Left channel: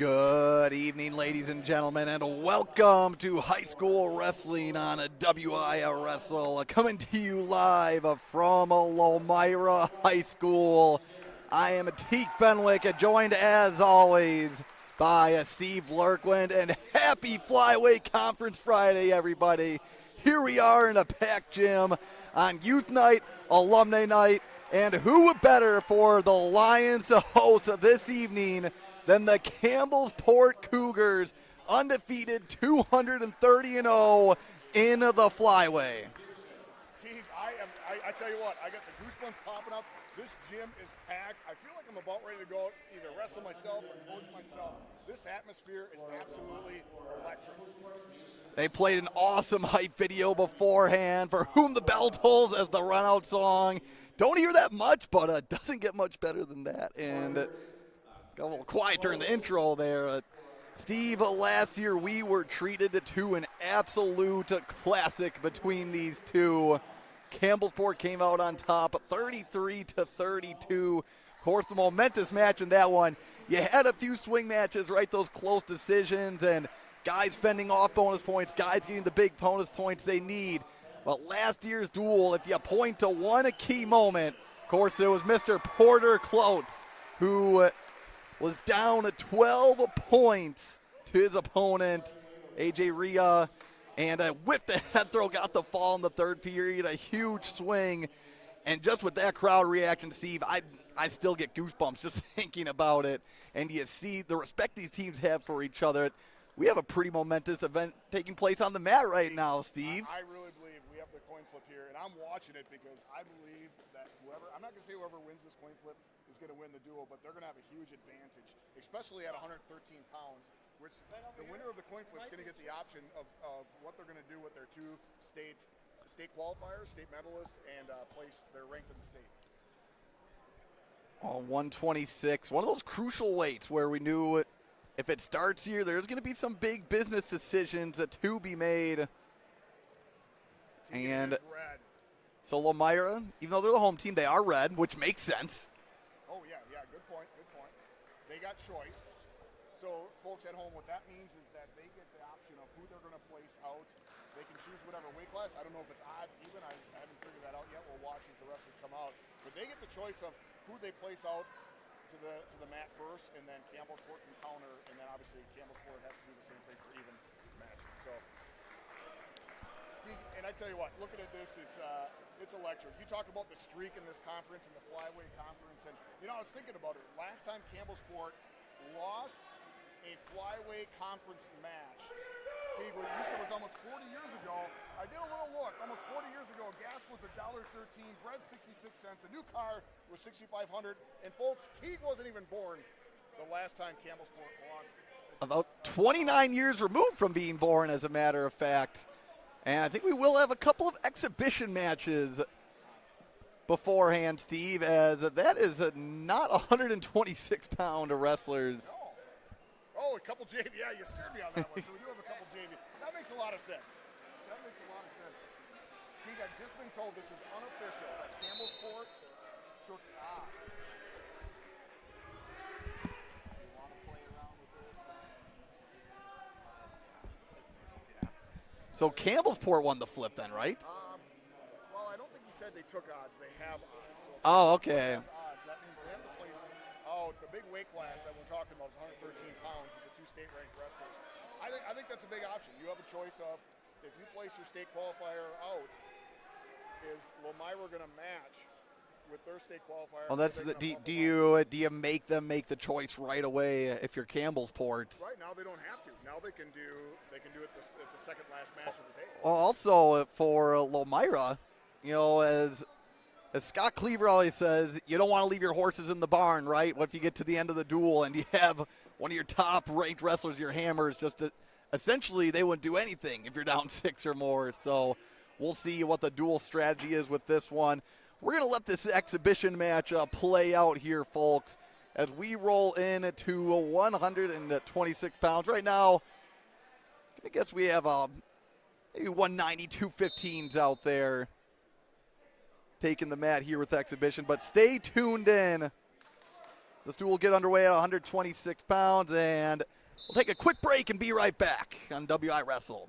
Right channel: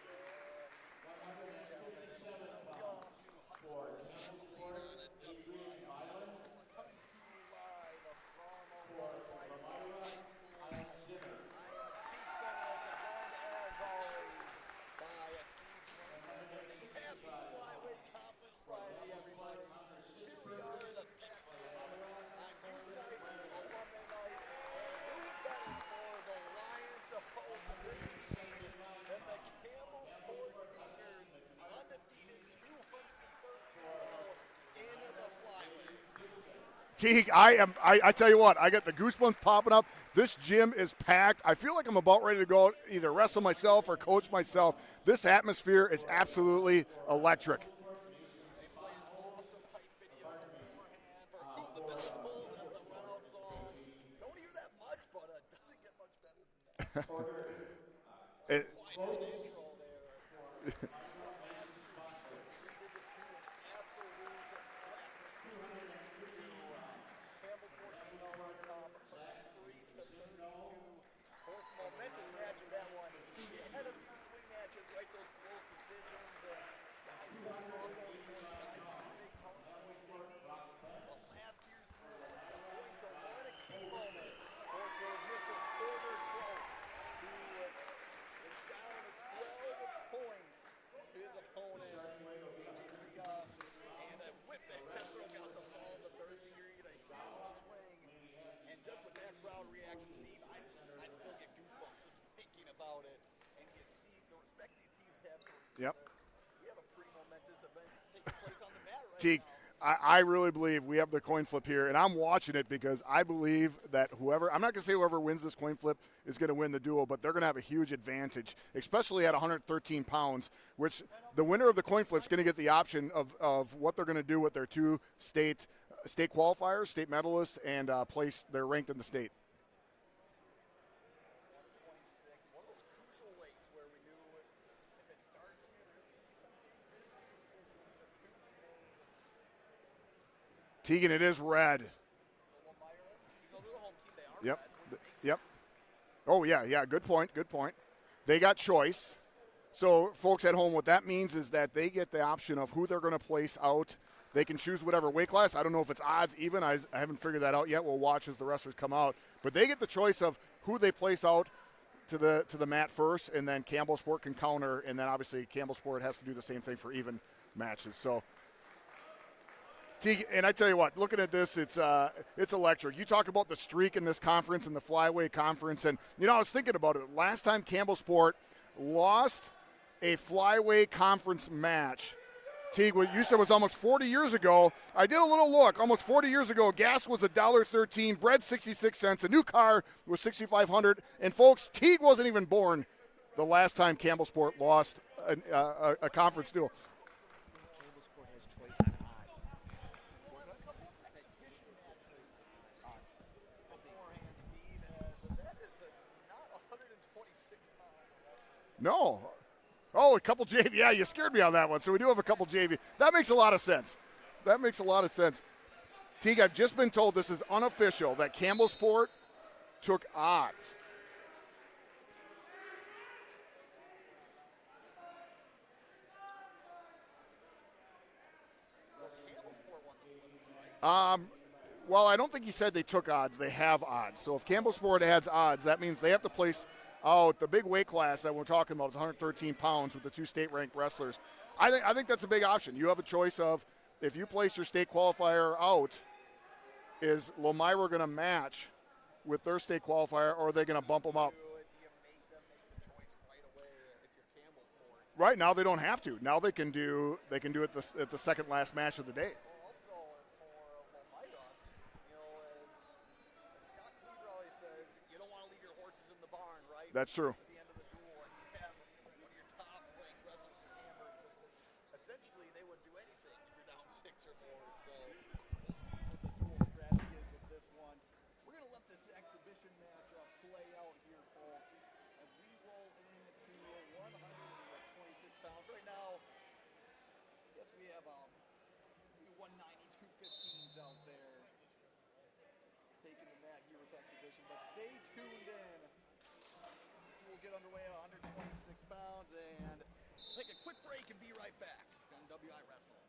Good evening, ladies and gentlemen, and welcome to High School Wrestling on a WIA Wrestle, coming to you live from Lomira High School. I am Teak Fenwick, joined as always by Steve Lurkwind, and happy Flyweight Conference Friday, everybody. Here we are in a packed gym on Youth Night, Alumni Night, and who better for the Lions to host this evening than the Campbellsport Cougars, undefeated 230-0 in the Flyway. Teague, I tell you what, I got the goosebumps popping up. This gym is packed. I feel like I'm about ready to go either wrestle myself or coach myself. This atmosphere is absolutely electric. They played an awesome hype video beforehand, For Whom the Bell Tolls as the run-out song. Don't hear that much, but it doesn't get much better than that. And got a little quiet during the intro there. Steve, last year we were treated to an absolute classic between these two. Campbellsport came out on top, 33-32. Of course, the momentous match in that one. You had a few swing matches, right? Those close decisions and guys fending off bonus points, guys getting the big bonus points they need. But last year's duel, if you point to one key moment, of course, it was Mr. Porter Klotz, who was down 12 points to his opponent, A.J. Rhea, and whipped the head throw, got the fall in the third period, a huge swing. And just with that crowd reaction, Steve, I still get goosebumps just thinking about it. And you see the respect these teams have for each other. We have a pretty momentous event taking place on the mat right now, Steve. I really believe we have the coin flip here, and I'm watching it because I believe that I'm not going to say whoever wins this coin flip is going to win the duel, but they're going to have a huge advantage, especially at 113 pounds, which the winner of the coin flip is going to get the option of what they're going to do with their two state qualifiers, state medalists, and place they're ranked in the state. 126, one of those crucial weights where we knew it. If it starts here, there's going to be some big business decisions to be made. Tegan, it is red. So Lomira, even though they're the home team, they are red, which makes sense. Oh, yeah, good point. They got choice. So, folks at home, what that means is that they get the option of who they're going to place out. They can choose whatever weight class. I don't know if it's odds even. I haven't figured that out yet. We'll watch as the wrestlers come out. But they get the choice of who they place out to the mat first, and then Campbellsport can counter, and then obviously Campbellsport has to do the same thing for even matches. So, and I tell you what, looking at this, it's electric. You talk about the streak in this conference and the Flyway Conference, and I was thinking about it. Last time Campbellsport lost a Flyway Conference match, Teague, what you said was almost 40 years ago. I did a little look. Almost 40 years ago, gas was $1.13, bread 66 cents, a new car was $6,500. And folks, Teague wasn't even born the last time Campbellsport lost. 29 years removed from being born, as a matter of fact. And I think we will have a couple of exhibition matches beforehand, Steve, as that is not 126-pound wrestlers. No. Oh, a couple JV. Yeah, you scared me on that one. So we do have a couple JV. That makes a lot of sense. Teague, I've just been told this is unofficial, that Campbellsport took odds. So Campbellsport won the flip then, right? Well, I don't think he said they took odds. They have odds. So if Campbellsport adds odds, that means they have to place the big weight class that we're talking about is 113 pounds with the two state-ranked wrestlers. I think that's a big option. You have a choice of, if you place your state qualifier out, is Lomira going to match with their state qualifier, or are they going to bump them up? Do you make them make the choice right away if you're Campbellsport? Right now they don't have to. Now they can do it at the second last match of the day. Also for Lomira, as Scott Cleaver always says, you don't want to leave your horses in the barn, right? But if you get to the end of the duel and you have one of your top-ranked wrestlers, your hammers, essentially they wouldn't do anything if you're down 6 or more. So we'll see what the duel strategy is with this one. We're going to let this exhibition match play out here, folks, as we roll into 126 pounds. Right now, I guess we have maybe 190, 215s out there taking the mat here with exhibition. But stay tuned in This duel will get underway at 126 pounds, and we'll take a quick break and be right back on WI Wrestle.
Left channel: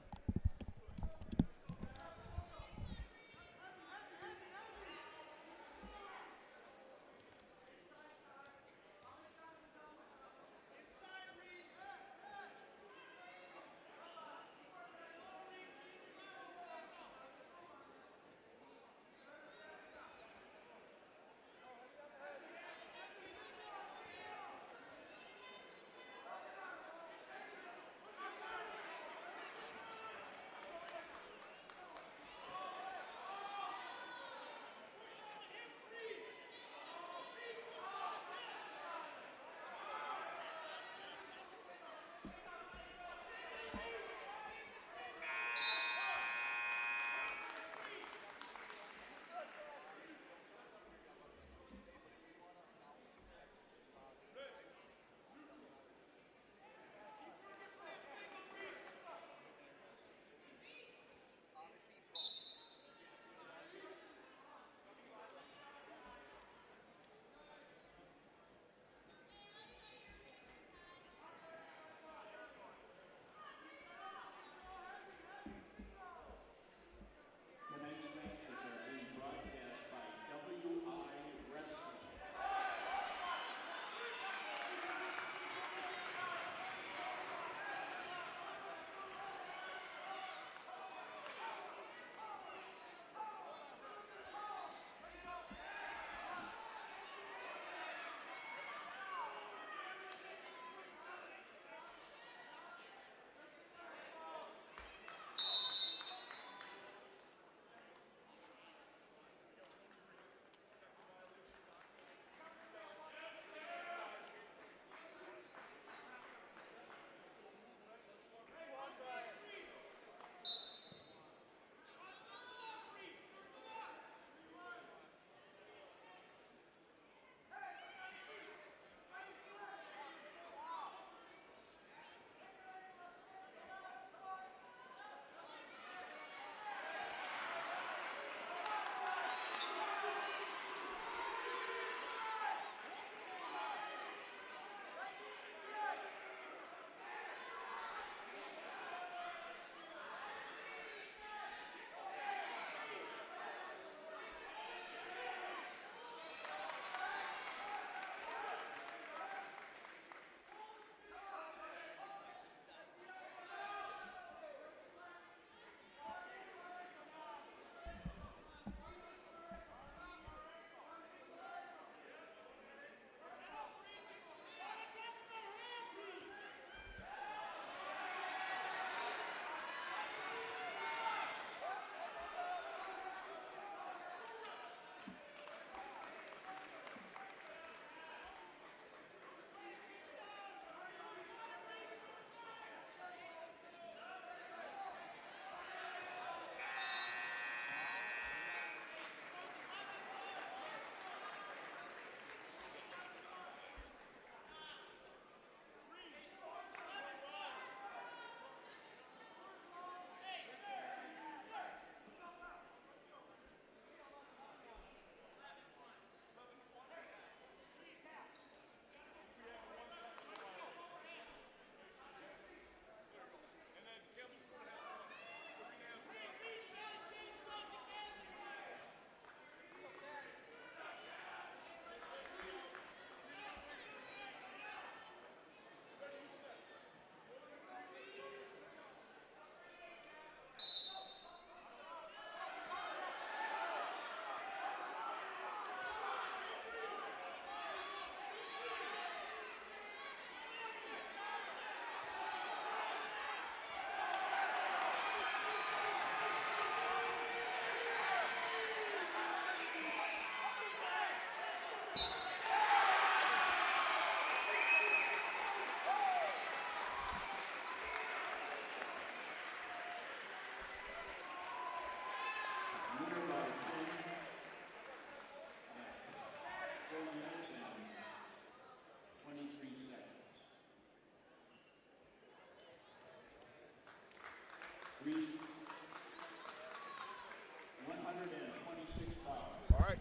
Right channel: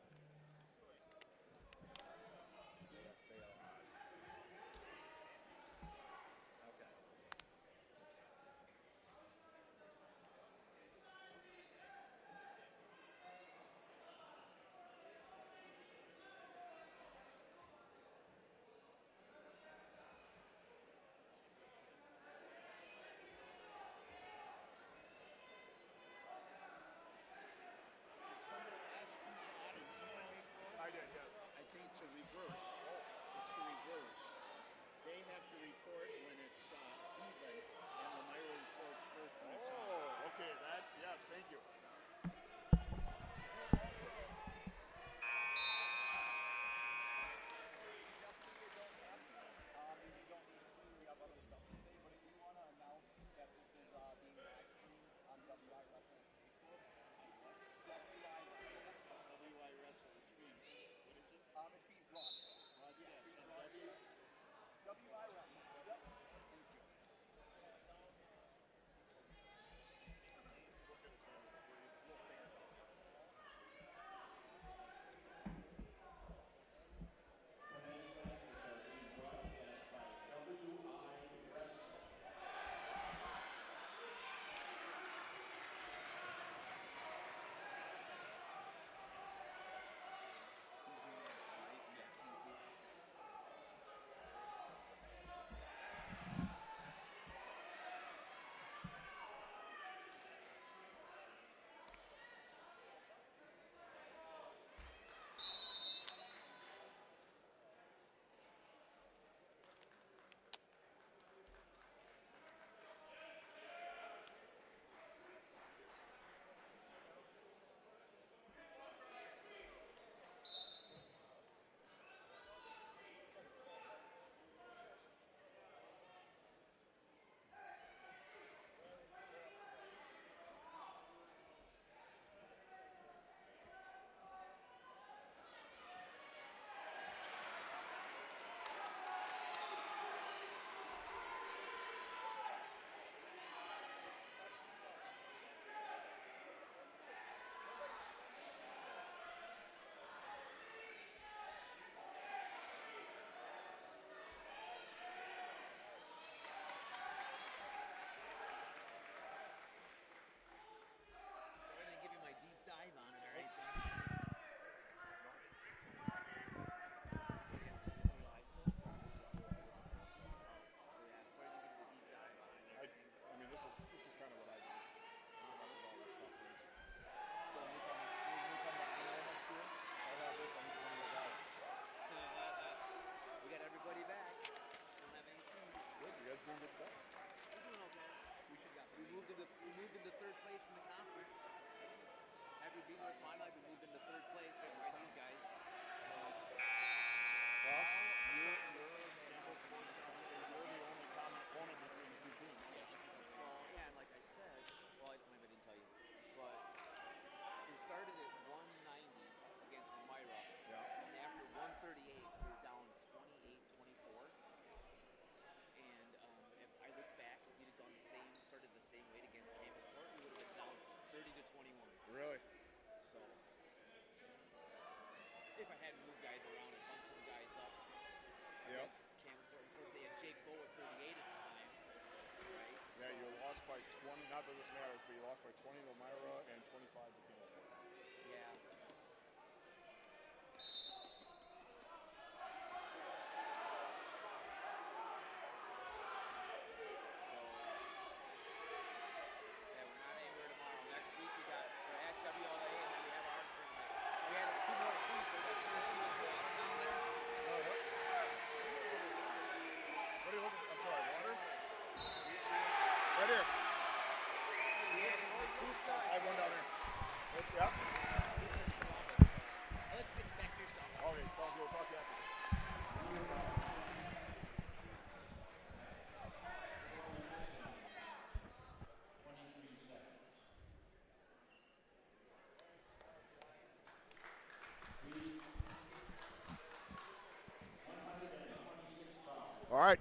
All right.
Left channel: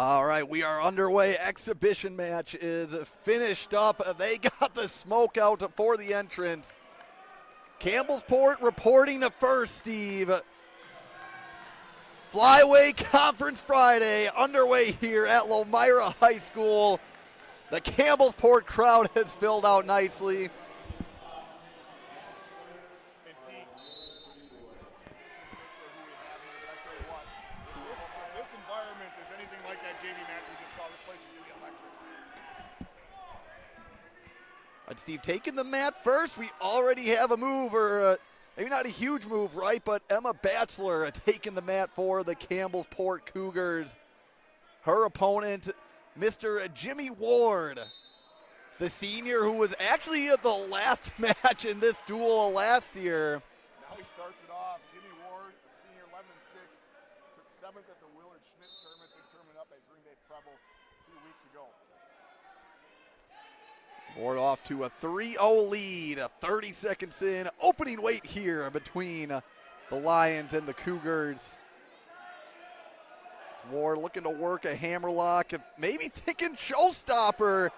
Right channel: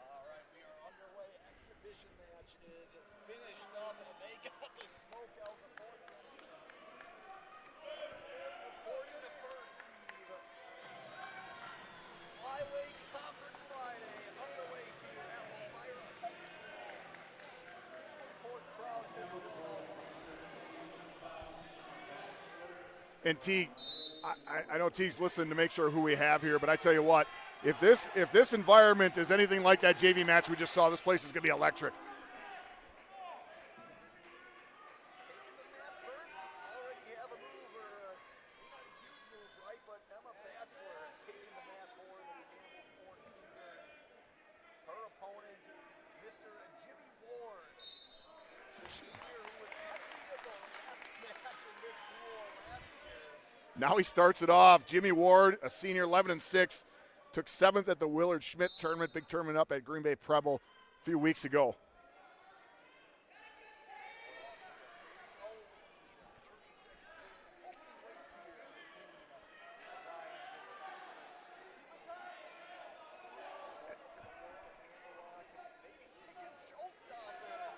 All right, we are underway. Exhibition match is finished up. They got the smoke out for the entrance. Campbellsport reporting to first, Steve. Flyweight Conference Friday underway here at Lomira High School. The Campbellsport crowd has filled out nicely. And Teague, I know Teague's listening to make sure who we have here, but I tell you what, if this environment is anything like that JV match we just saw, this place is going to be electric. And Steve taking the mat first. We already have a move, or maybe not a huge move, right? But Emma Batzler taking the mat for the Campbellsport Cougars. Her opponent, Mr. Jimmy Ward, the senior who was actually at the last match in this duel last year. Now he starts it off. Jimmy Ward, a senior, 11-6, took 7th at the Willard Schmidt tournament, big tournament up at Green Bay Preble a few weeks ago. Ward off to a 3-0 lead, 30 seconds in. Opening weight here between the Lions and the Cougars. Ward looking to work a hammerlock, maybe thinking showstopper.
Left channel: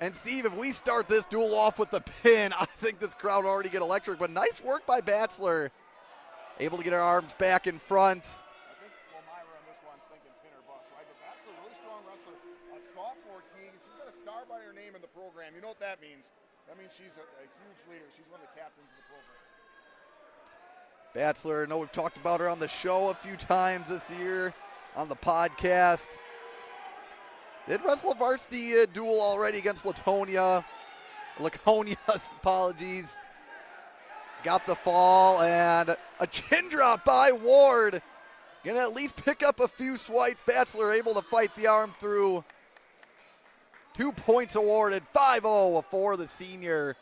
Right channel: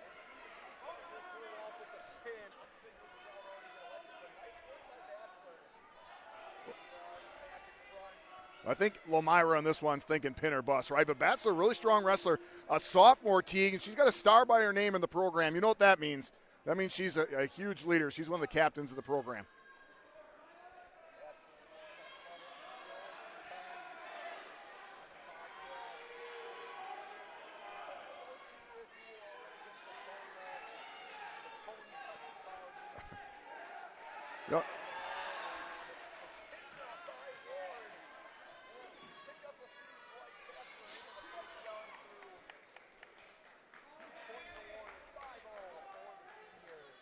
And Steve, if we start this duel off with the pin, I think this crowd will already get electric. But nice work by Batzler. Able to get her arms back in front. I think Lomira on this one's thinking pin or bust, right? But Batzler, really strong wrestler, a sophomore, Teague, and she's got a star by her name in the program. You know what that means? That means she's a huge leader. She's one of the captains of the program. Batzler, I know we've talked about her on the show a few times this year on the podcast. Did wrestle a varsity duel already against Laconia, apologies. Got the fall and a chin drop by Ward. Gonna at least pick up a few swipes. Batzler able to fight the arm through. 2 points awarded, 5-0 for the senior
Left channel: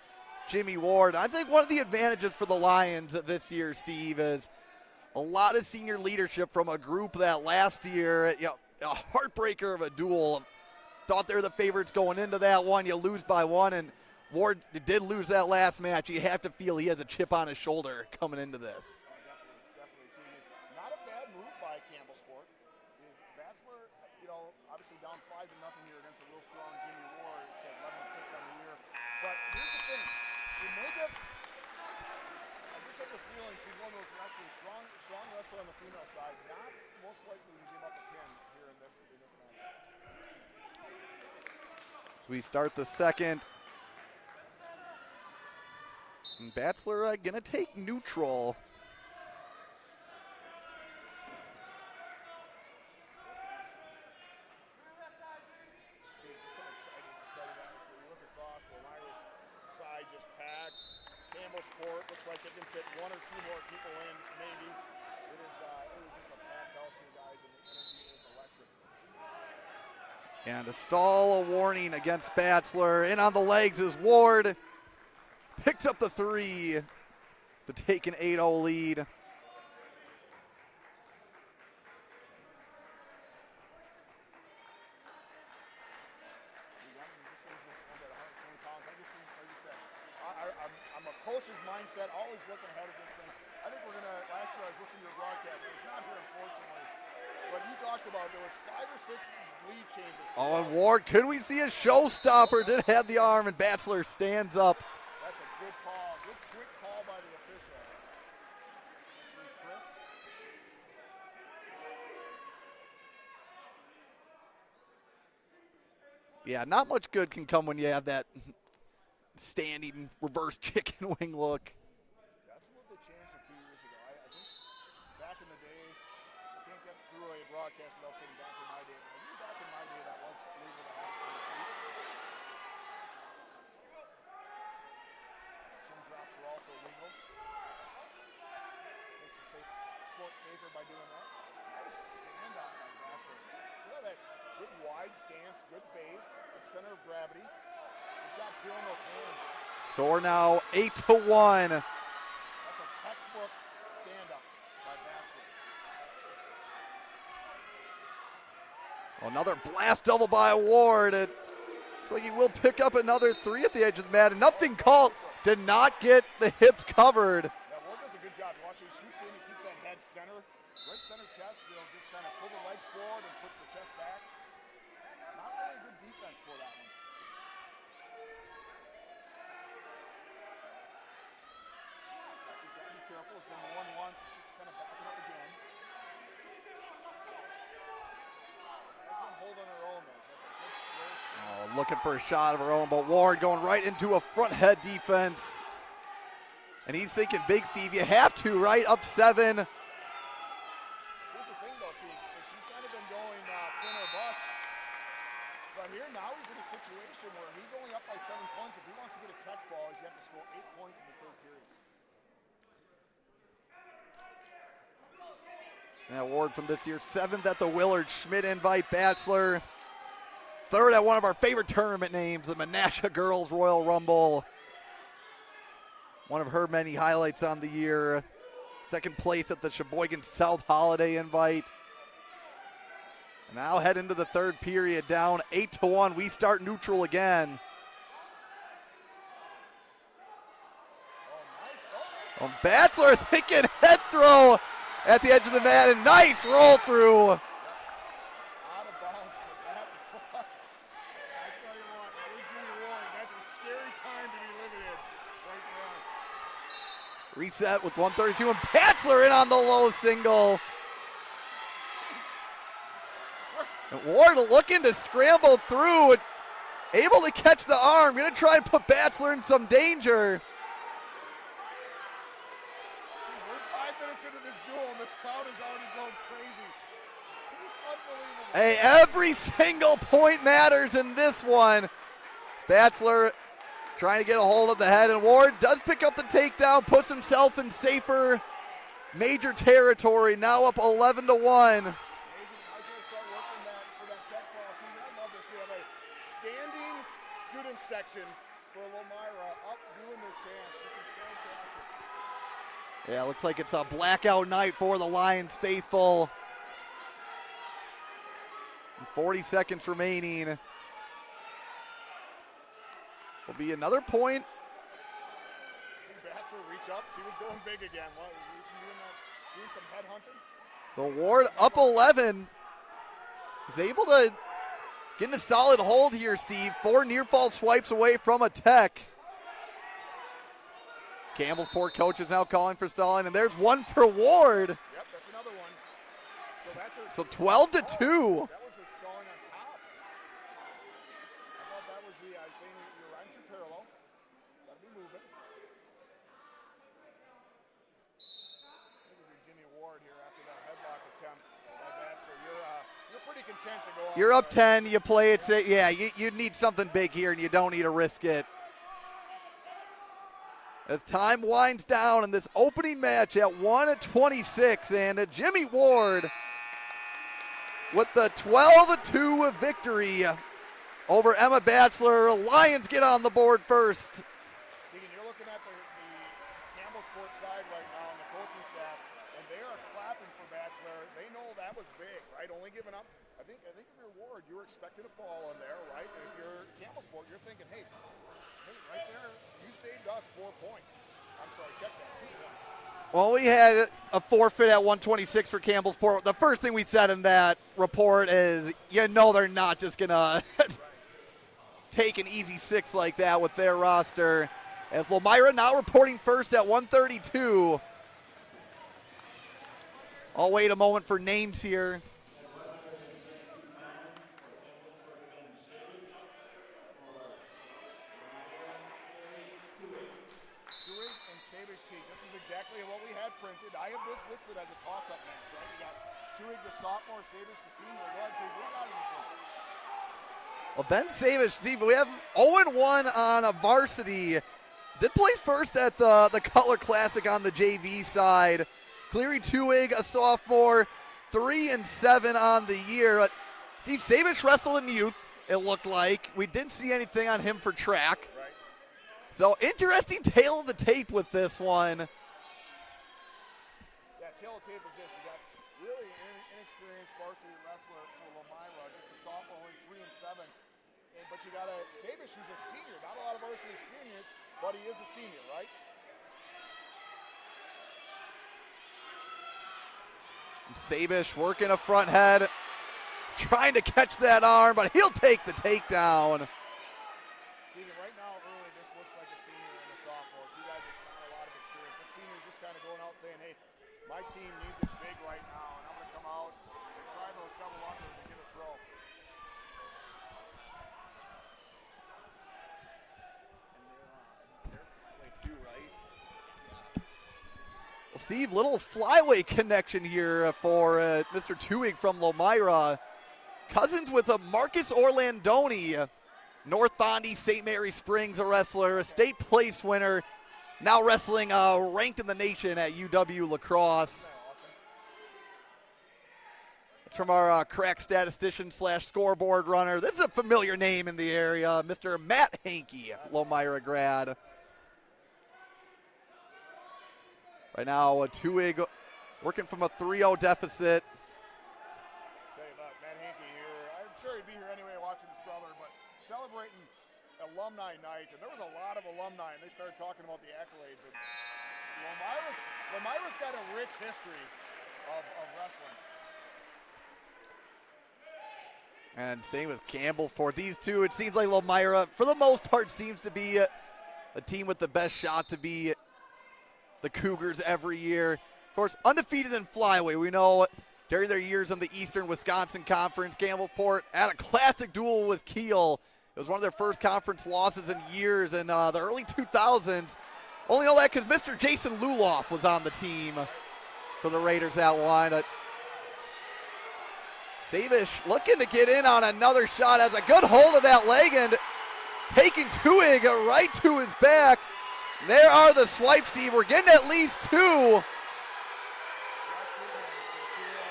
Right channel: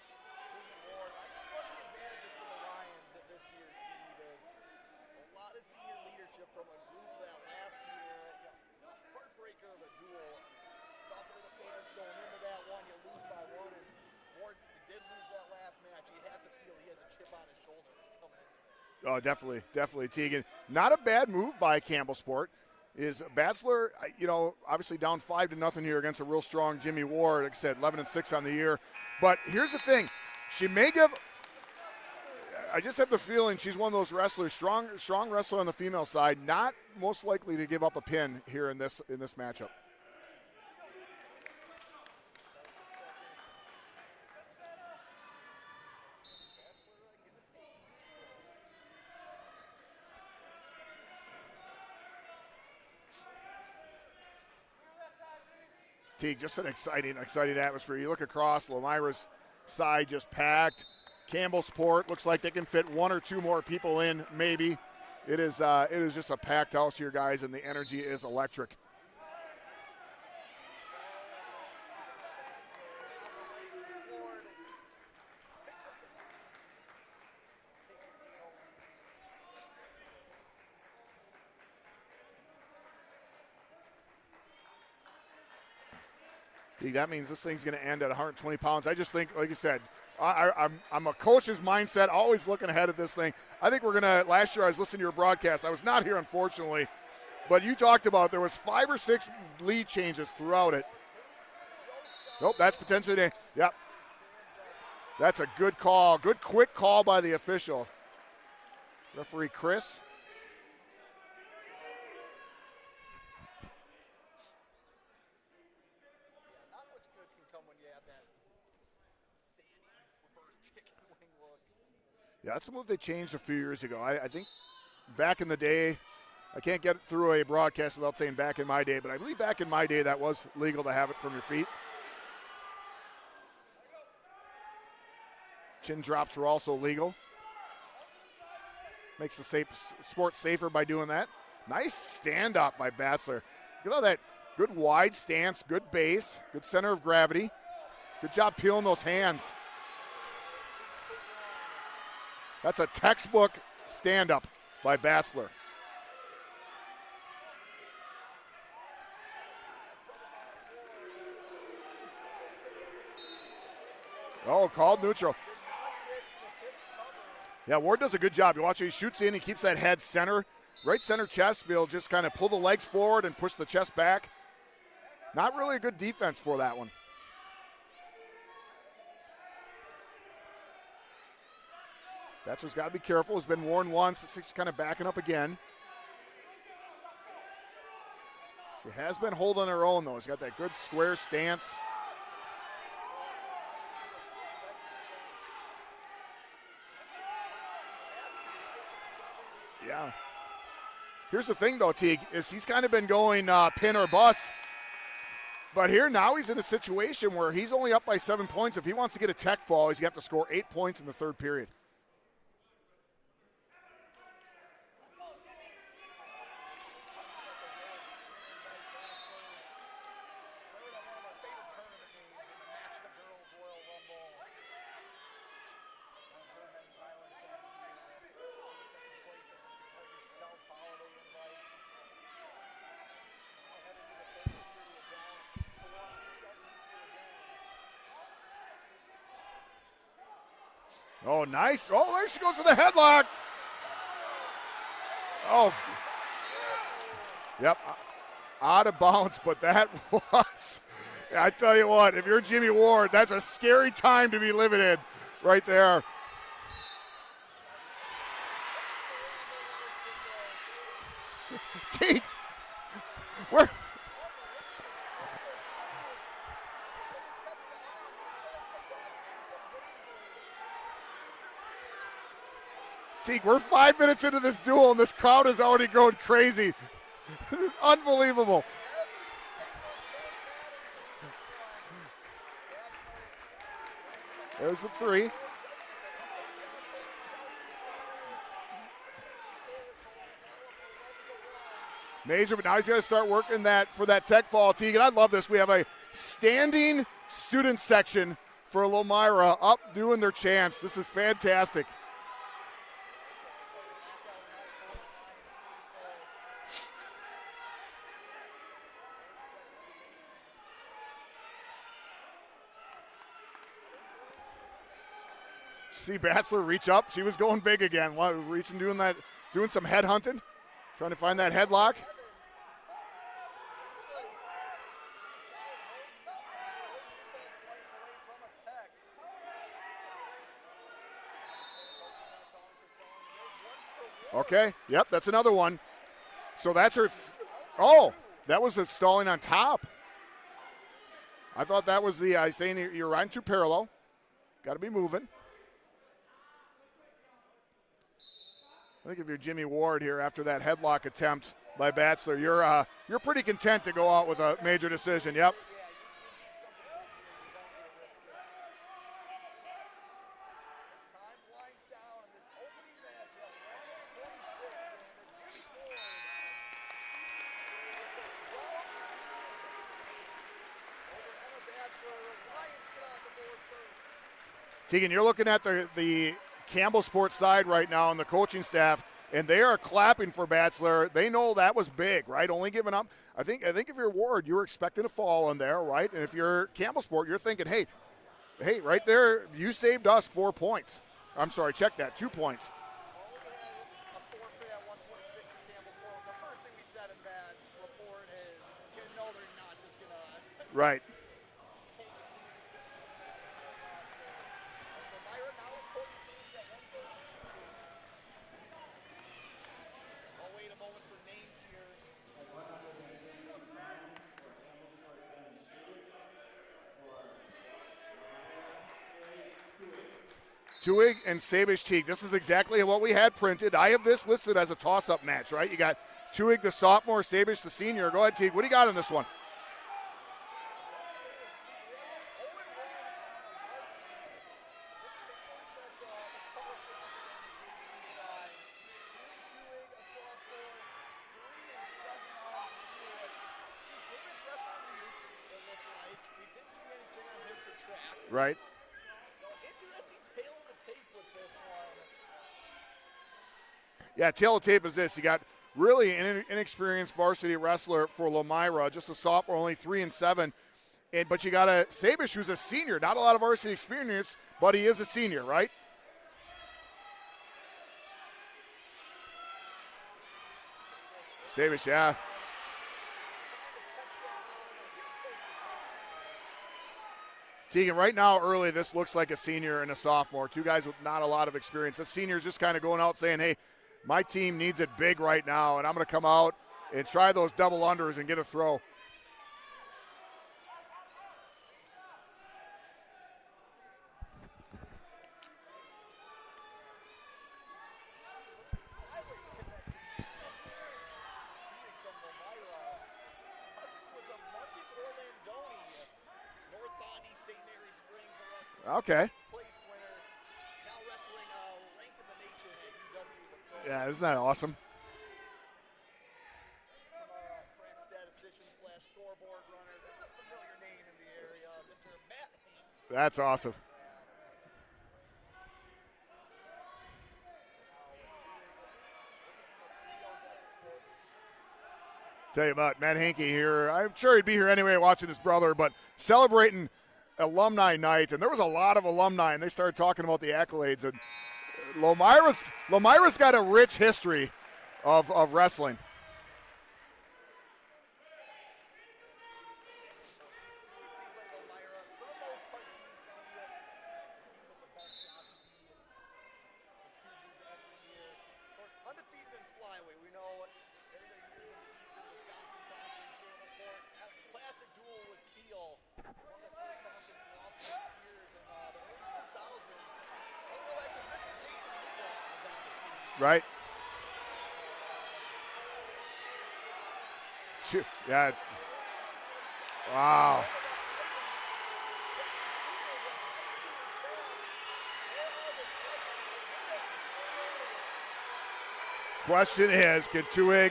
Jimmy Ward. I think one of the advantages for the Lions this year, Steve, is a lot of senior leadership from a group that last year, a heartbreaker of a duel. Thought they're the favorites going into that one. You lose by one, and Ward did lose that last match. You have to feel he has a chip on his shoulder coming into this. Oh, definitely, Teague. Not a bad move by Campbellsport. Is Batzler, obviously down 5-0 here against a real strong Jimmy Ward. Like I said, 11-6 on the year. But here's the thing. She may give, I just have the feeling she's one of those wrestlers, strong wrestler on the female side, not most likely to give up a pin here in this matchup. So we start the second. And Batzler gonna take neutral. Teague, just an exciting atmosphere. You look across, Lomira's side just packed. Campbellsport looks like they can fit 1 or 2 more people in, maybe. It is just a packed house here, guys, and the energy is electric. And a stall, a warning against Batzler. In on the legs is Ward. Picks up the 3 to take an 8-0 lead. That means this thing's going to end at 120 pounds. I just think, like you said, I'm a coach's mindset, always looking ahead at this thing. I think we're going to, last year I was listening to your broadcast. I was not here, unfortunately. But you talked about there was 5 or 6 lead changes throughout it. Ward, could we see a showstopper? Nope, did have the arm, and Batzler stands up. That's a good call. Good, quick call by the official. Referee Chris. Yeah, not much good can come when you have that standing reverse chicken wing look. Yeah, that's a move they changed a few years ago. I think back in the day, I can't get through a broadcast without saying back in my day, but I believe back in my day that was legal to have it from your feet. Chin drops were also legal. Makes the sport safer by doing that. Nice stand up by Batzler. Look at all that good wide stance, good base, good center of gravity. Good job peeling those hands. Score now 8-1. That's a textbook stand up by Batzler. Another blast double by Ward. It's like he will pick up another 3 at the edge of the mat. And nothing called. Neutral. Did not get the hips covered. Yeah, Ward does a good job. You watch it, he shoots in, he keeps that head center. right center chest. He'll just kind of pull the legs forward and push the chest back. Not really a good defense for that one. Batchelor's got to be careful. He's been worn once. He's kind of backing up again. She has been holding her own, though. He's got that good square stance. Looking for a shot of her own, but Ward going right into a front head defense. And he's thinking, Big Steve, you have to, right? Up 7. Yeah. Here's the thing, though, Teague, is he's kind of been going pin or bust. But here now he's in a situation where he's only up by 7 points. If he wants to get a tech fall, he's got to score 8 points in the third period. An award from this year, 7th at the Willard Schmidt Invite Bachelor. 3rd at one of our favorite tournament names, the Menasha Girls Royal Rumble. One of her many highlights on the year. 2nd place at the Sheboygan South Holiday Invite. Now head into the 3rd period, down 8-1. We start neutral again. Oh, nice. Oh, there she goes with the Bachelor headlock. picking head throw at the edge of the mat, and nice roll through. Yep, out of bounds, but that was, I tell you what, if you're Jimmy Ward, that's a scary time to be living in right there. Reset with 132, and Bachelor in on the low single. Ward looking to scramble through, able to catch the arm, gonna try and put Bachelor in some danger. Teague, we're 5 minutes into this duel, and this crowd is already going crazy. This is unbelievable. Hey, every single point matters in this one. Bachelor trying to get a hold of the head, and Ward does pick up the takedown, puts himself in safer major territory, now up 11-1. Major, but now he's got to start working that for that tech fall, Teague, and I love this. We have a standing student section for Lomira up doing their chants. This is fantastic. Yeah, looks like it's a blackout night for the Lions faithful. 40 seconds remaining. Will be another point. See Bachelor reach up. She was going big again. Reaching, doing some head hunting. So Ward up 11. Is able to get in a solid hold here, Steve. 4 near fall swipes away from a tech. Campbellsport coach is now calling for stalling, and there's one for Ward. Okay. Yep, that's another one. So that's her. So 12-2. That was a stalling on top. I thought that was the saying you're riding too parallel. Got to be moving. I think if you're Jimmy Ward here after that headlock attempt by Bachelor, you're pretty content to go out. You're with up a 10. major You play decision. it. Yep. Yeah, you need something big here, and you don't need to risk it. As time winds down in this opening match at 1:26, and Jimmy Ward with the 12-2 victory over Emma Bachelor. Lions get on the board first. Tegan, you're looking at the Campbellsport side right now and the coaching staff, and they are clapping for Bachelor. They know that was big, right? Only giving up. I think if you're Ward, you were expecting a fall in there, right? And if you're Campbellsport, you're thinking, hey, right there, you saved us 4 points. I'm sorry, check that, 2 points. Well, we had a forfeit at 126 for Campbellsport. The first thing we said in that report is, they're not just going to right. take an easy 6 like that with their roster. As Lomira now reporting first at 132. I'll wait a moment for names here. Tuig and Sabish Teague. This is exactly what we had printed. I have this listed as a toss-up match, right? You got Tuig, the sophomore, Sabish, the senior. Go ahead, Teague. What do you got in this one? Well, Ben Sabish, Steve, we have 0-1 on a varsity. Did place first at the Cutler Classic on the JV side. Cleary Tuig, a sophomore, 3-7 on the year. Steve, Sabish wrestled in youth, it looked like. We didn't see anything on him for track. Right. So interesting tail of the tape with this one. Yeah, tail of the tape is this. You got really an inexperienced varsity wrestler for Lomira, just a sophomore, only 3-7. But you got a Sabish who's a senior. Not a lot of varsity experience, but he is a senior, right? Sabish working a front head. Trying to catch that arm, but he'll take the takedown. Tegan, right now, early, this looks like a senior and a sophomore. Two guys with not a lot of experience. The senior's just kind of going out saying, hey, my team needs it big right now, and I'm going to come out and try those double unders and get a throw. Steve, little flyweight connection here for Mr. Tuig from Lomira. Cousins with a Marcus Orlandoni, North Fondy, St. Mary Springs, a wrestler, a state place winner, now wrestling ranked in the nation at UW La Crosse. Yeah, isn't that awesome? It's from our crack statistician / scoreboard runner. This is a familiar name in the area, Mr. Matt Hankey, That's Lomira awesome. grad. Right now, Tuig working from a 3-0 deficit. Tell you about Matt Hankey here. I'm sure he'd be here anyway watching his brother, but celebrating alumni night, and there was a lot of alumni, and they started talking about the accolades. And Lomira's got a rich history of wrestling. And same with Campbellsport. These two, it seems like Lomira, for the most part, seems to be a team with the best shot to be the Cougars every year. Of course, undefeated in flyweight. We know during their years in the Eastern Wisconsin Conference, Campbellsport had a classic duel with Kiel. It was one of their first conference losses in years in the early 2000s. Only know that because Mr. Jason Luloff was on the team for the Raiders that one. Sabish looking to get in on another shot, has a good hold of that leg and taking Tuig right to his back. There are the swipes, Steve. We're getting at least two. Question is, can Tuig,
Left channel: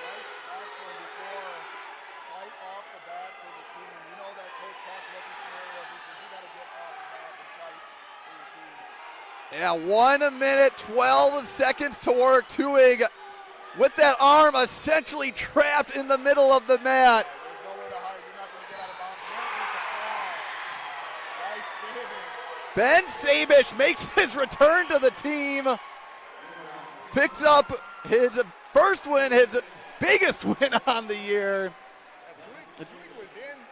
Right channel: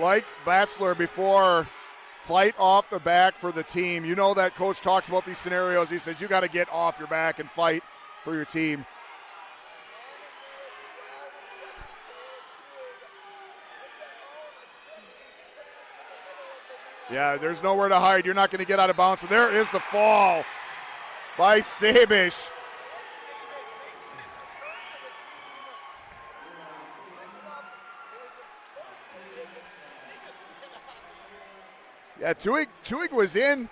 like Batsler before, fight off the back for the team? You know that coach talks about these scenarios. He says you got to get off your back and fight for your team. Yeah, 1 minute, 12 seconds to work. Tuig with that arm essentially trapped in the middle of the mat. Yeah, there's nowhere to hide. You're not going to get out of bounds. So there is the fall by Sabish. Ben Sabish makes his return to the team. Picks up his first win, his biggest win on the year. Yeah, Tuig was in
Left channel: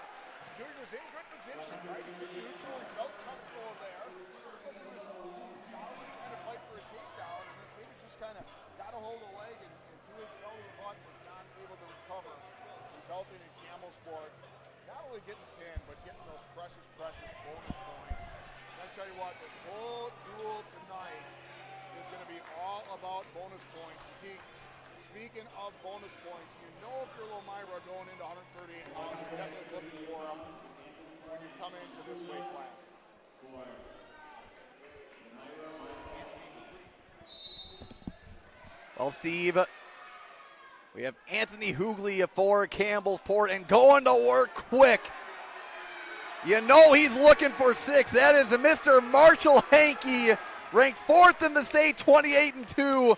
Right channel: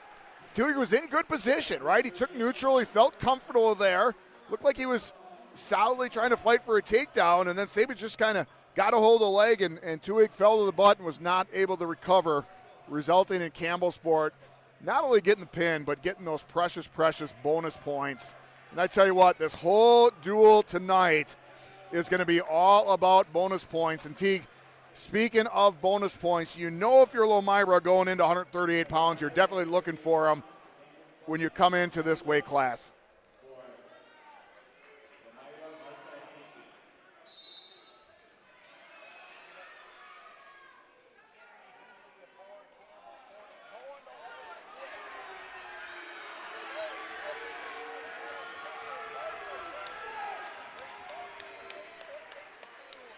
good position, right? He took neutral. He felt comfortable there. Looked like he was solidly trying to fight for a takedown, and then Sabish just kind of got a hold of the leg, and Tuig fell to the butt and was not able to recover, resulting in Campbellsport not only getting the pin, but getting those precious bonus points. And I tell you what, this whole duel tonight is going to be all about bonus points. And Teague, speaking of bonus points, you know if you're Lomira going into 138 pounds, you're definitely looking for them when you come into this weight class. Well, Steve, we have Anthony Hughley for Campbellsport and going to work quick. You know he's looking for 6. That is Mr. Marshall Hankey, ranked 4th in the state, 28-2.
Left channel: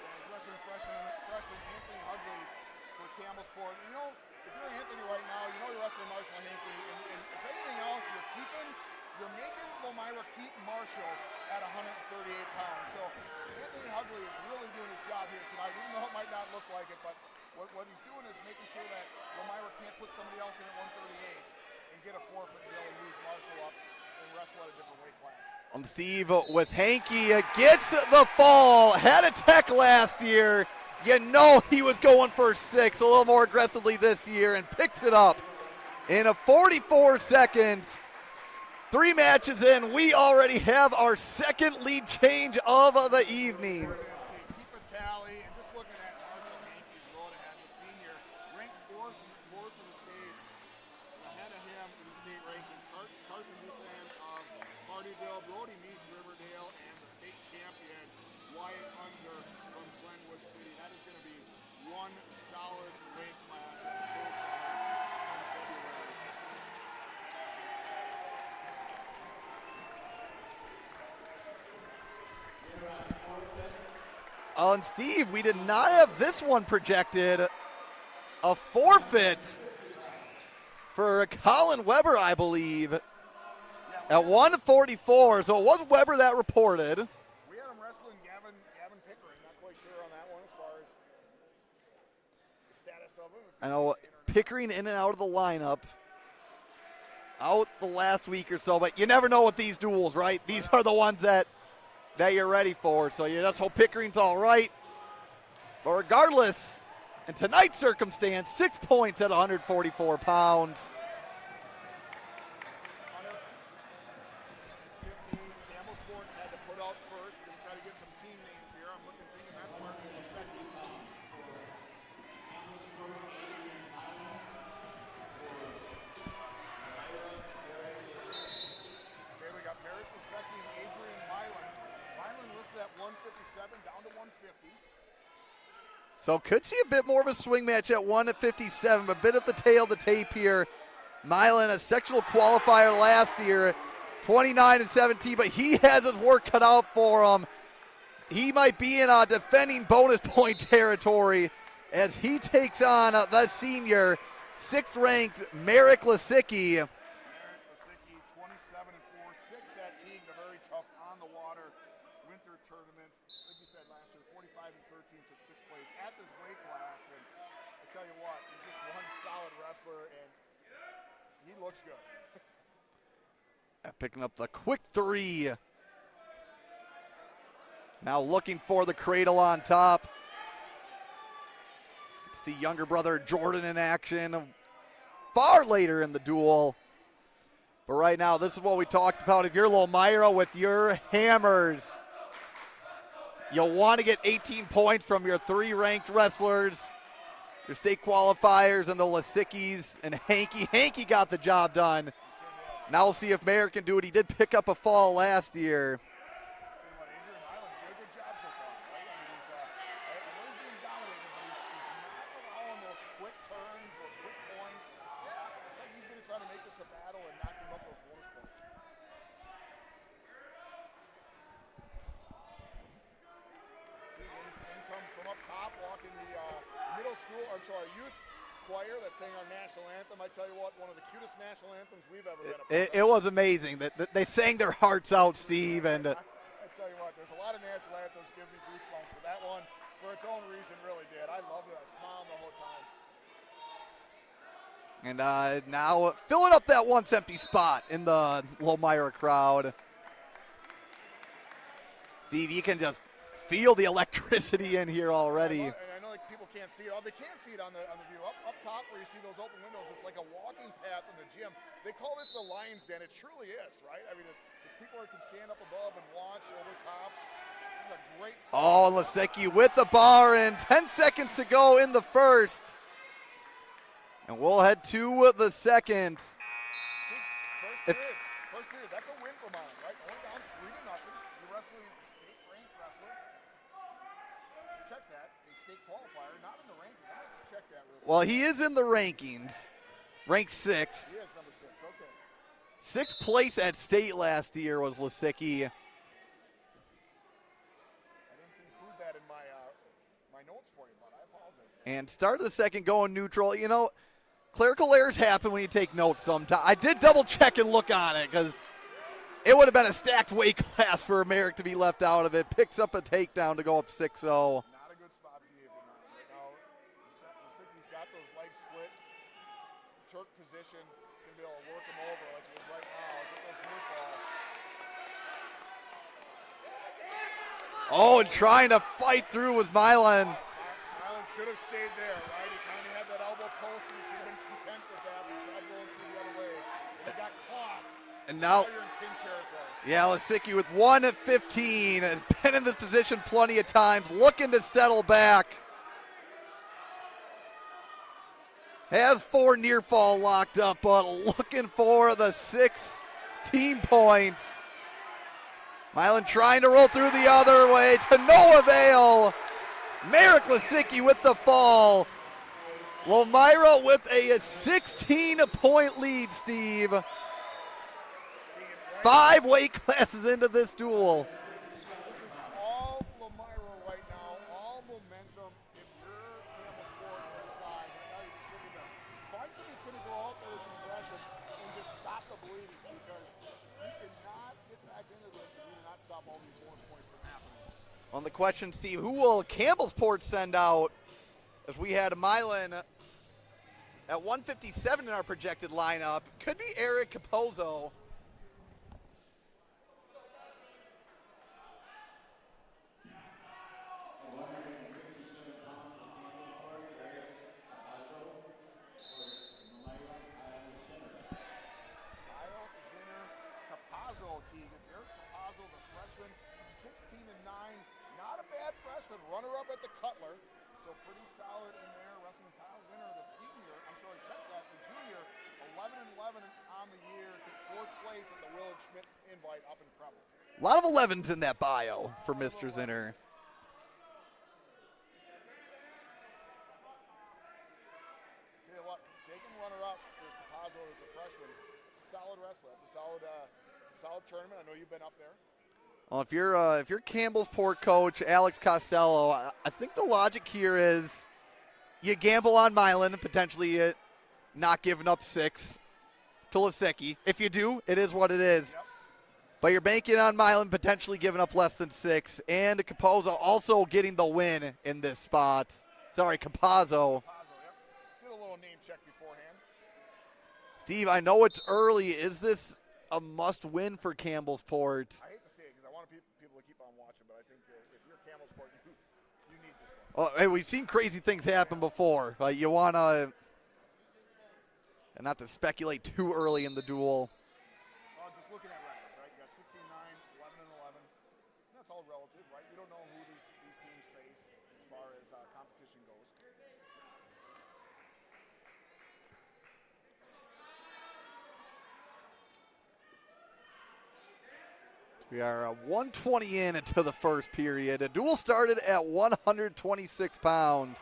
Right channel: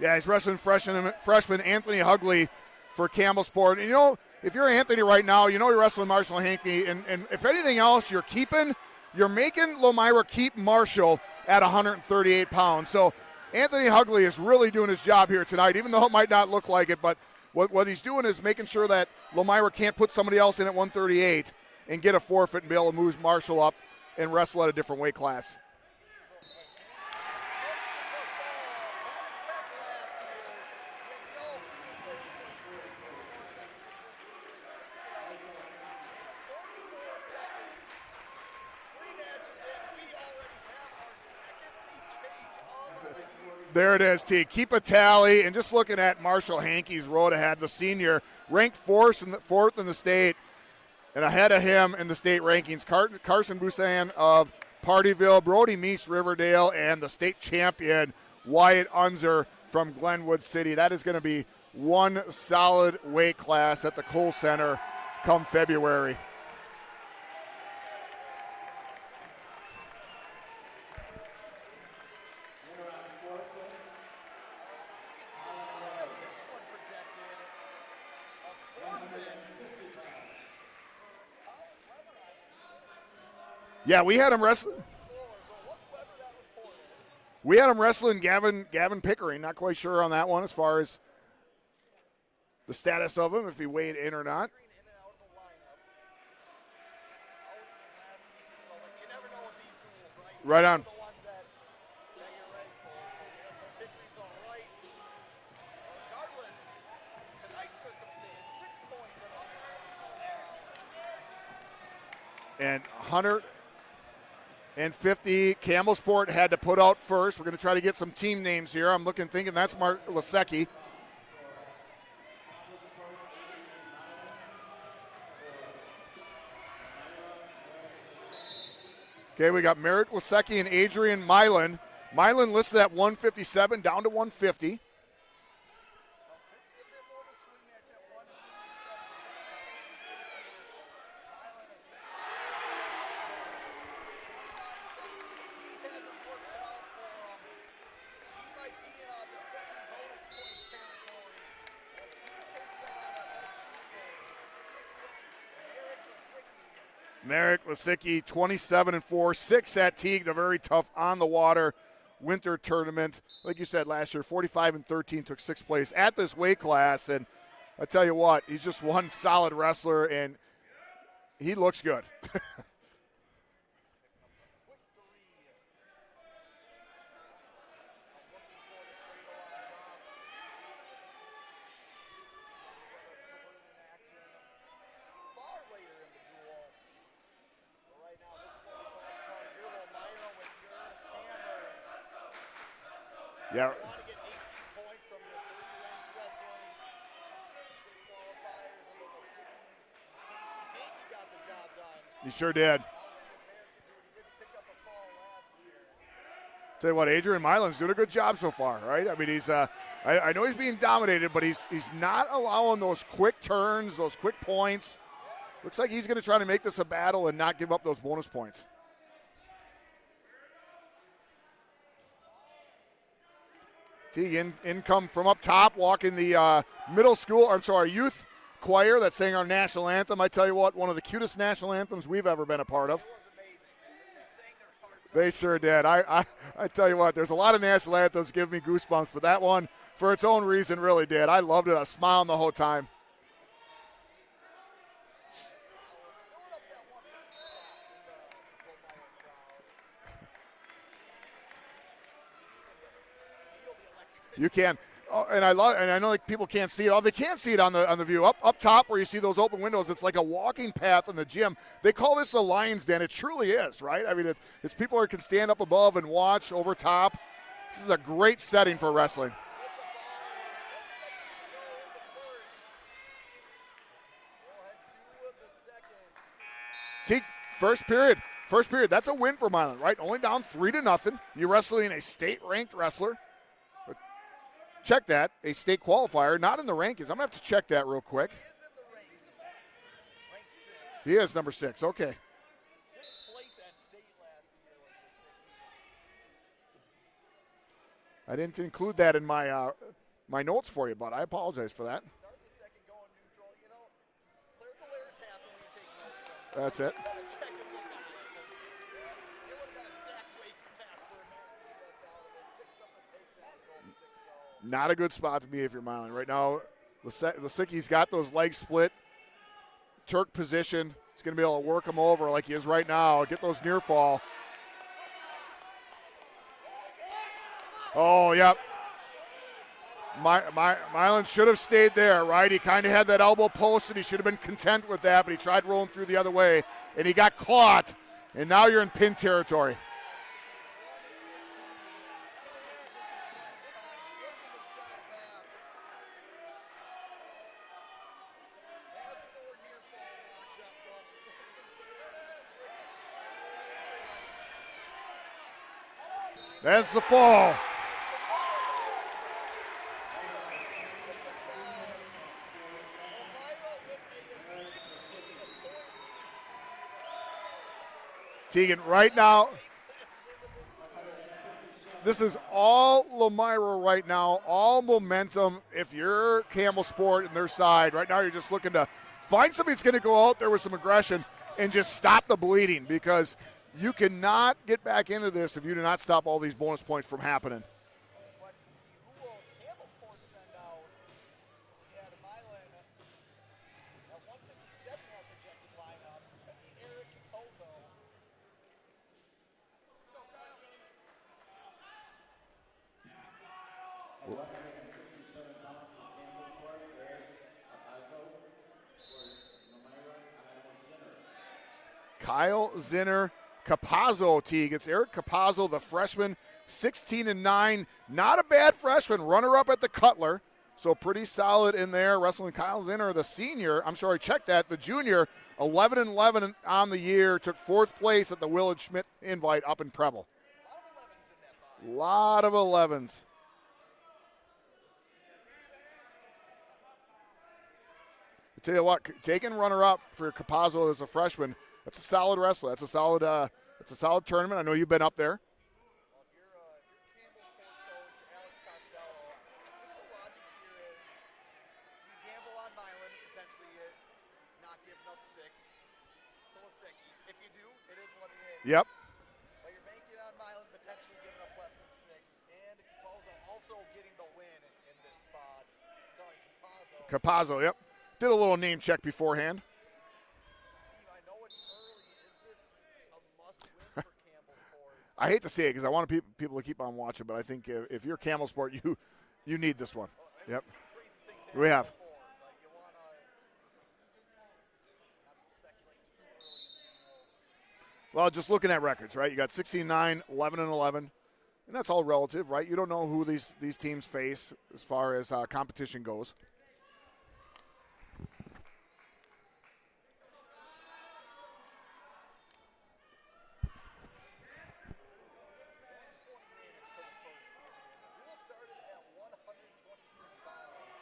Yeah, he's wrestling freshman Anthony Hughley for Campbellsport. And you know, if you're Anthony right now, you know you're wrestling Marshall Hankey. And if anything else, you're making Lomira keep Marshall at 138 pounds. So Anthony Hughley is really doing his job here tonight, even though it might not look like it. But what he's doing is making sure that Lomira can't put somebody else in at 138 and get a forfeit and be able to move Marshall up and wrestle at a different weight class. And Steve with Hankey gets the fall. Had a tech last year. You know he was going for 6 a little more aggressively this year and picks it up in a 44 seconds. 3 matches in, we already have our second lead change of the evening. There it is, T. Keep a tally, and just looking at Marshall Hankey's road ahead, the senior, ranked 4th in the state, and ahead of him in the state rankings, Carson Busan of Partyville, Brody Meese Riverdale, and the state champion Wyatt Unzer from Glenwood City. That is going to be one solid weight class at the Kohl Center come February. And Steve, we did not have this one projected. A forfeit for Colin Weber, I believe. Yeah, we had 144, so it was Weber that reported. We had him wrestling Gavin Pickering. Not quite sure on that one as far as the status of him, if he weighed in or not. Pickering in and out of the lineup. Out the last week or so, but you never know with these duels, right? These are the ones that you're ready for. So you just hope Pickering's all right. But regardless, in tonight's circumstance, 6 points at 144 pounds. And 150, Campbellsport had to put out first. We're going to try to get some team names here. I'm thinking that's Mark Lasecki. Okay, we got Merritt Lasecki and Adrian Milan. Milan listed at 157, down to 150. So could see a bit more of a swing match at 157, a bit of the tail of the tape here. Milan, a sectional qualifier last year, 29-17, but he has his work cut out for him. He might be in defending bonus point territory as he takes on the senior, 6th-ranked Merrick Lasecki. Merrick Lasecki, 27-4, 6 at Teague, the very tough on-the-water winter tournament. Like you said last year, 45-13, took 6th place at this weight class. And I tell you what, he's just one solid wrestler, and he looks good. Picking up the quick 3. Now looking for the cradle on top. See younger brother Jordan in action far later in the duel. But right now, this is what we talked about. If you're Lomira with your hammers, you'll want to get 18 points from your 3 ranked wrestlers, your state qualifiers, and the Laseckis and Hanky. Hanky got the job done. He sure did. Now we'll see if Merrick can do it. He did pick up a fall last year. Tell you what, Adrian Milan's doing a good job so far, right? I mean, he's I know he's being dominated, but he's not allowing those quick turns, those quick points. Looks like he's going to try to make this a battle and not give up those bonus points. Teague income from up top, walking the youth choir that's saying our national anthem. I tell you what, one of the cutest national anthems we've ever been a part of. It was amazing. They sang their hearts out. They sure did. I tell you what, there's a lot of national anthems give me goosebumps, but that one, for its own reason, really did. I loved it. I was smiling the whole time. And now filling up that once empty spot in the Lomira crowd. Steve, you can just feel the electricity in here already. And I know like people can't see it. Oh, they can't see it on the view. Up top where you see those open windows, it's like a walking path in the gym. They call this a lion's den. It truly is, right? I mean, it's people that can stand up above and watch over top. This is a great setting for wrestling. Lasecki with the bar and 10 seconds to go in the first. And we'll head to the second. First period. That's a win for Milan, right? Only down 3-0. You're wrestling a state-ranked wrestler. Check that. A state qualifier, not in the rankings. I'm going to have to check that real quick. Well, he is in the rankings. Ranked 6th. He is number 6. Okay. 6th place at state last year was Lasecki. I didn't include that in my my notes for you, but I apologize for that. And start of the second going neutral. You know, clerical errors happen when you take notes sometimes. I did double check and look on it because it would have been a stacked weight class for Merrick to be left out of it. Picks up a takedown to go up 6-0. Not a good spot to be if you're Milan. Right now, Lasecki's got those legs split. Turk position. He's going to be able to work him over like he is right now. Get those near fall. Trying to fight through was Milan. Milan should have stayed there, right? He kind of had that elbow posted. He should have been content with that, but he tried rolling through the other way, and he got caught. And now you're in pin territory. Yeah, Lasecki with 1-15 has been in this position plenty of times, looking to settle back. Has 4 near fall locked up, but looking for the 16 points. Milan trying to roll through the other way to no avail. Merrick Lasecki with the fall. Lomira with a 16-point lead, Steve. Teagan, right 5 weight classes into this duel. This is all Lomira right now, all momentum. If you're Campbellsport and their side, right now you're just looking to find somebody that's going to go out there with some aggression and just stop the bleeding, because You cannot get back into this if you do not stop all these bonus points from happening. On the question, Steve, who will Campbellsport send out? As we had Milan at 157 in our projected lineup. Could be Eric Capozzo. Kyle Zinner, Capozzo, Teague. It's Eric Capozzo, the freshman, 16-9. Not a bad freshman. Runner-up at the Cutler. So pretty solid in there. Wrestling Kyle Zinner, the senior. I'm sorry, check that. The junior, 11-11 on the year. Took 4th place at the Willard Schmidt invite up in Preble. A lot of 11s in that bio. A lot of 11s. Zinner. I tell you what, taking runner-up for Capozzo as a freshman, that's a solid wrestler. That's a solid tournament. I know you've been up there. Well, if you're Campbellsport coach Alex Costello, I think the logic here is you gamble on Milan and potentially not giving up 6 to Lisicki. If you do, it is what it is. Yep. But you're banking on Milan potentially giving up less than 6, and Capozzo also getting the win in this spot. Sorry, Capozzo. Capozzo, yep. Did a little name check beforehand. Steve, I know it's early. Is this a must-win for Campbellsport? I hate to say it because I want people to keep on watching, but I think if you're Campbellsport, you need this one. Well, hey, we've seen crazy things happen before. You want to, and not to speculate too early in the duel. Well, just looking at records, right? You got 16-9, 11-11, and that's all relative, right? You don't know who these teams face as far as competition goes. We are 120 into the first period. A duel started at 126 pounds.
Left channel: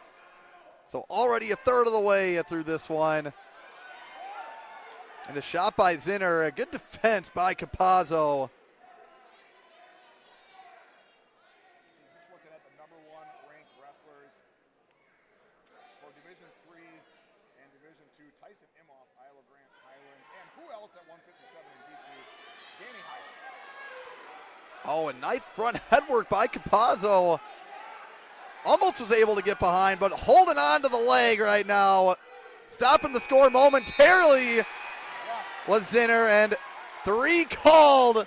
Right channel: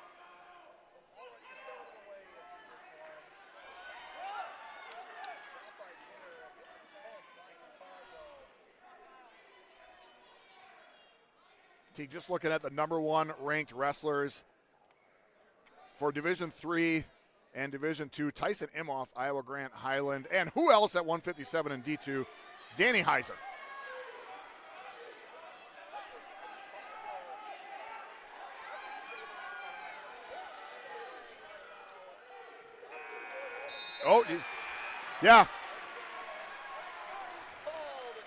So already a third of the way through this one. And a shot by Zinner. A good defense by Capozzo. Just looking at the number 1 ranked wrestlers for Division III and Division II, Tyson Imhoff, Iowa Grant Highland, and who else at 157 in D2? Danny Heiser. Oh, a nice front headwork by Capozzo. Almost was able to get behind, but holding on to the leg right now. Stopping the score momentarily was Zinner, and 3 called.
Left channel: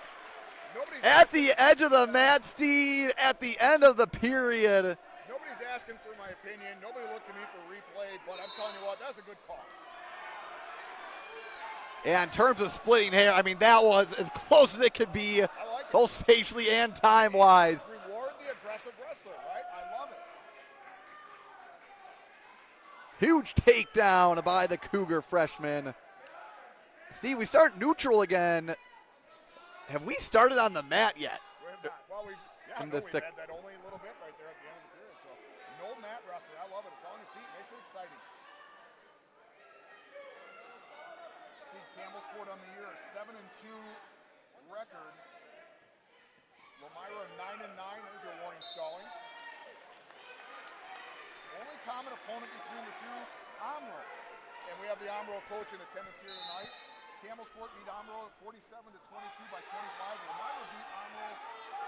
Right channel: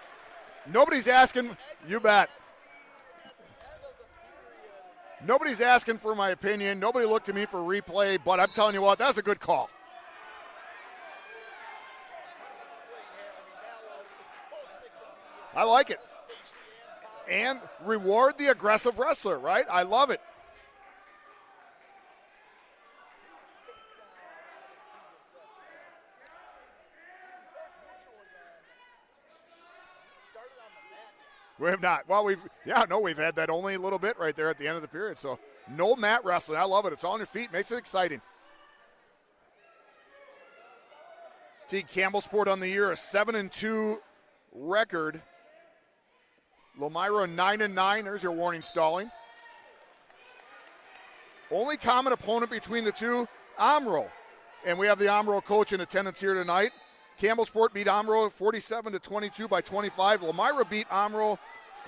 Nobody's at asking. The edge of the mat, Steve, at the end of the period. Nobody's asking for my opinion. Nobody looked to me for replay, but I'm telling you what, that was a good call. Yeah, in terms of splitting hair, I mean, that was as close as it could be. I like it. Both spatially and time-wise. Reward the aggressive wrestler, right? I love it. Huge takedown by the Cougar freshman. Steve, we start neutral again. Have we started on the mat yet? We have not. Well, we've had that only a little bit right there at the end of the period. So no mat wrestling. I love it. It's on your feet. Makes it exciting. See, Campbellsport on the year, a 7-2 record. Lomira 9-9. There's your warning, stalling. Only common opponent between the two, Omro. And we have the Omro coach in attendance here tonight. Campbellsport beat Omro 47-22 by 25. Lomira beat Omro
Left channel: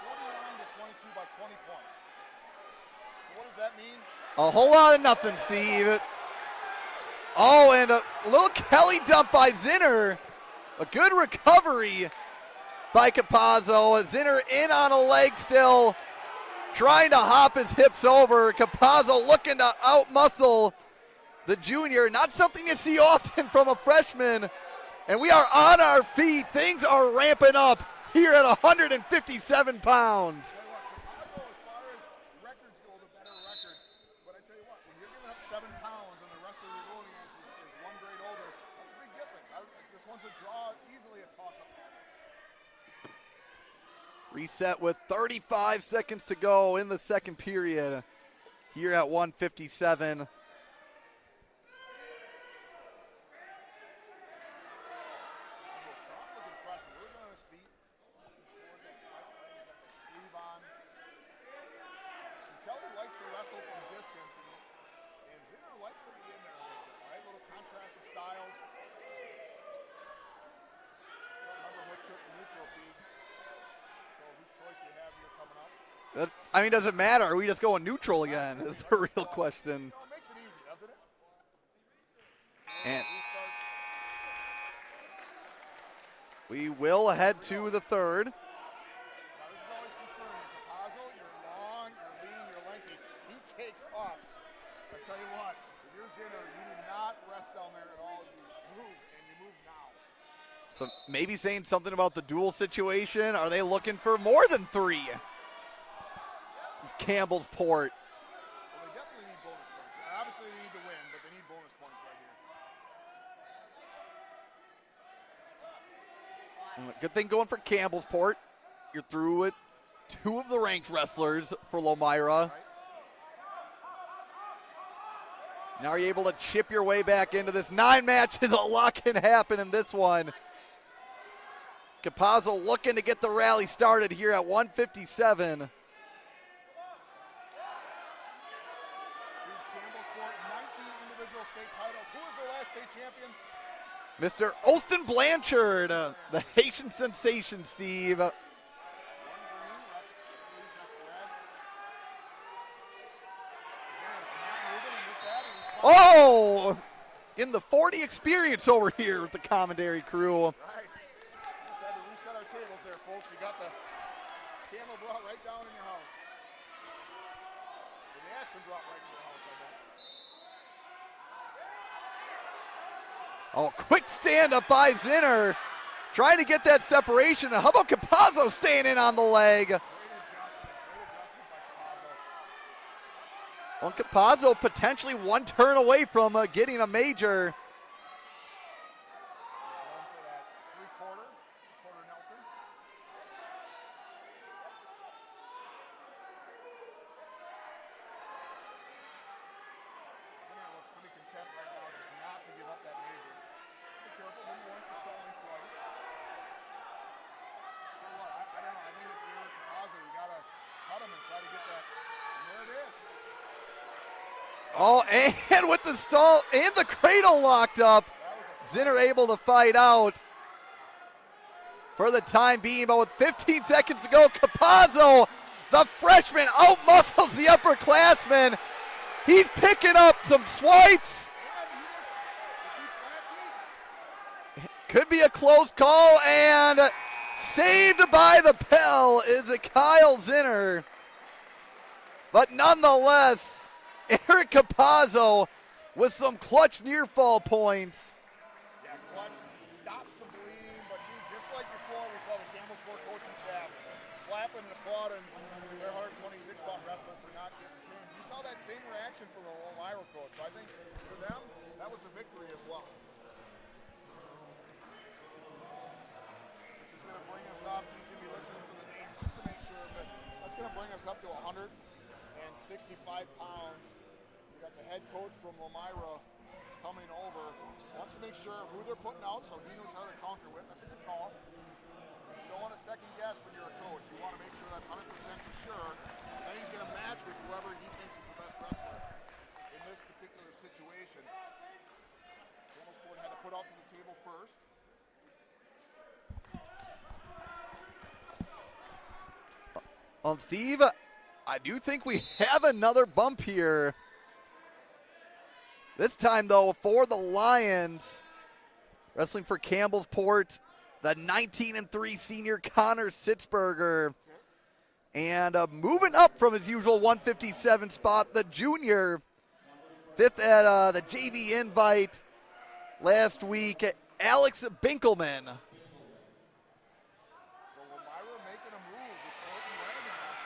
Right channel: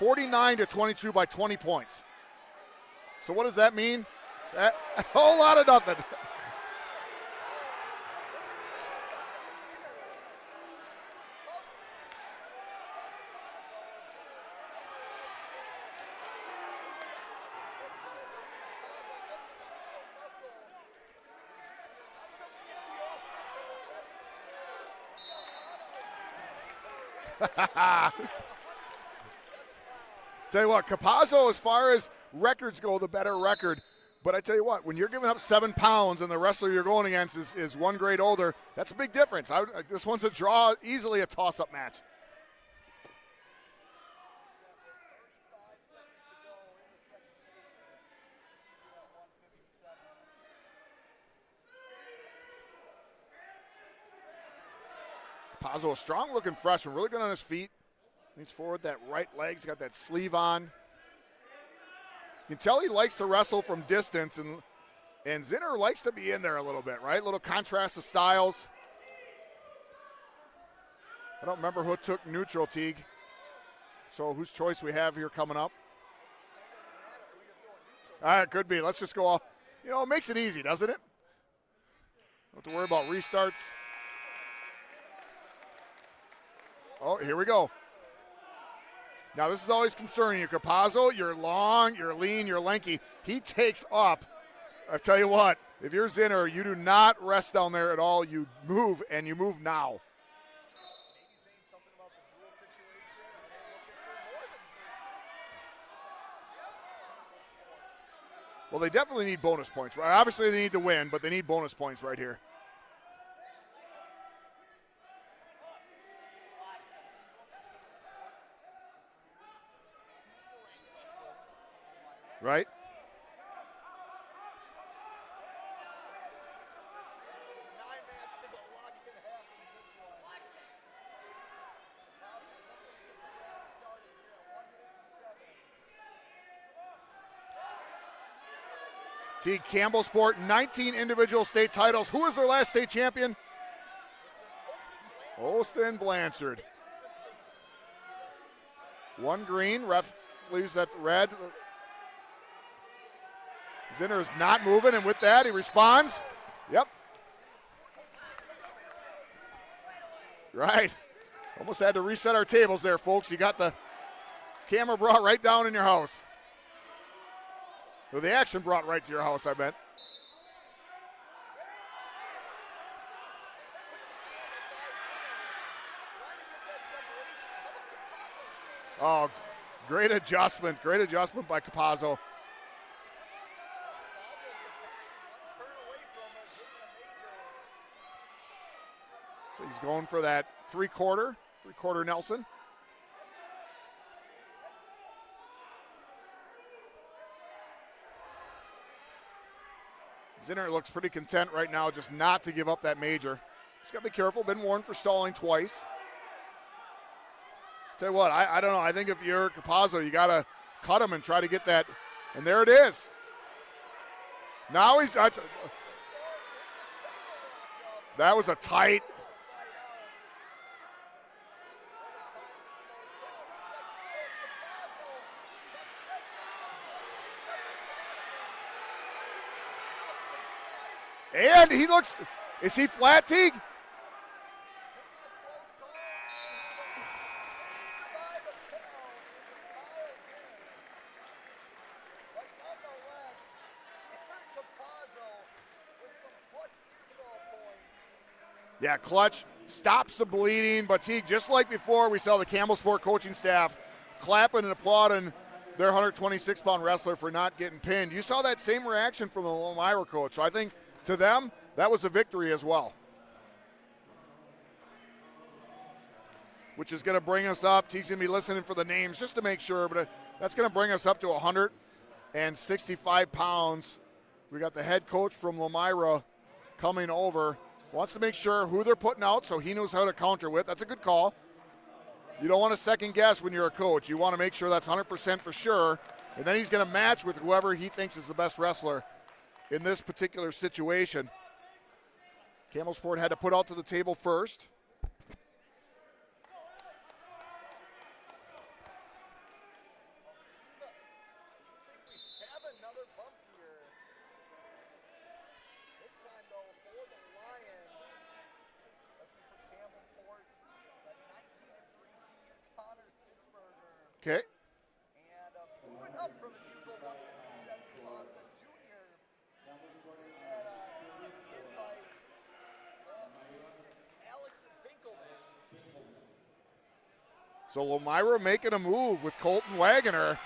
49-22 by 20 points. So what does that mean? A whole lot of nothing, A whole lot of nothing. Oh, and a little Kelly dump by Zinner. A good recovery by Capozzo. Zinner in on a leg still, trying to hop his hips over. Capozzo looking to outmuscle the junior. Not something you see often from a freshman. And we are on our feet. Things are ramping up here at 157 pounds. Tell you what, Capozzo, as far as records go, the better record. But I tell you what, when you're giving up 7 pounds and the wrestler you're going against is 1 grade older, that's a big difference. This one's a draw, easily a toss-up match. Reset with 35 seconds to go in the second period here at 157. Capozzo, a strong-looking freshman, really good on his feet. Leans forward, that right leg's got that sleeve on. You can tell he likes to wrestle from distance, and Zinner likes to be in there a little bit, right? A little contrast of styles. I don't remember who took neutral, Teague. So whose choice we have here coming up? I mean, does it matter? Are we just going neutral again? Could be. That's Let's the just real go. Question. You know, it makes it easy, doesn't it? Don't have to worry about restarts. We will head to the third. Now, this is always concerning you. Capazzo, you're long, you're lean, you're lanky. He takes up. I tell you what, if you're Zinner, you do not rest down there at all. You move, and you move now. So maybe saying something about the duel situation. Are they looking for more than 3? It's Campbellsport. Well, they definitely need bonus points. Right? Obviously, they need to win, but they need bonus points right here. Good thing going for Campbellsport. You're through with 2 of the ranked wrestlers for Lomira. Right. Now you're able to chip your way back into this. 9 matches, a lot can happen in this one. Capazzo looking to get the rally started here at 157. Teague, Campbellsport, 19 individual state titles. Who was their last state champion? Mr. Austin Blanchard. Austin Blanchard. The Haitian sensation, Steve. 1 green, ref leaves that red. Zinner is not moving, and with that, he responds. Oh! Yep. In the 40 experience over here with the commentary crew. Right. Almost had to reset our tables there, folks. You got the camera brought right down in your house. Or the action brought right to your house, I bet. Oh, quick stand up by Zinner. Trying to get that separation. How about Capazzo staying in on the leg? Great adjustment by Capazzo. Well, Capazzo potentially 1 turn away from getting a major. So he's going for that three-quarter Nelson. Zinner looks pretty content right now just not to give up that major. Just got to be careful. Been warned for stalling twice. Tell you what, I don't know. I think if you're Capazzo, you got to cut him and try to get that. And there it is. Now and with the stall and the cradle locked up. That was a tight. Zinner able to fight out for the time being. But with 15 seconds to go, Capazzo, the freshman, out-muscles the upperclassman. He's picking up some swipes. And he looks, is he flat, Teague? Could be a close call, and saved by the bell is a Kyle Zinner. But nonetheless, Eric Capazzo with some clutch near fall points. Yeah, clutch stops the bleeding, but Teague, just like before, we saw the Campbellsport coaching staff clapping and applauding their 126-pound wrestler for not getting pinned. You saw that same reaction from the Lomira coach. So I think to them, that was a victory as well. Which is going to bring us up. Teague's going to be listening for the names just to make sure, but that's going to bring us up to 165 pounds. We got the head coach from Lomira coming over. Wants to make sure who they're putting out so he knows how to counter with. That's a good call. You don't want to second guess when you're a coach. You want to make sure that's 100% for sure. And then he's going to match with whoever he thinks is the best wrestler in this particular situation. Campbellsport had to put out to the table first. Well, Steve, I do think we have another bump here. This time, though, for the Lions, wrestling for Campbellsport, the 19-3 senior Connor Sitzberger. Okay. And moving up from his usual 157 spot, the junior, 5th at the JV invite last week, Alex Binkelman. So Lomira making a move with Colton Wagoner.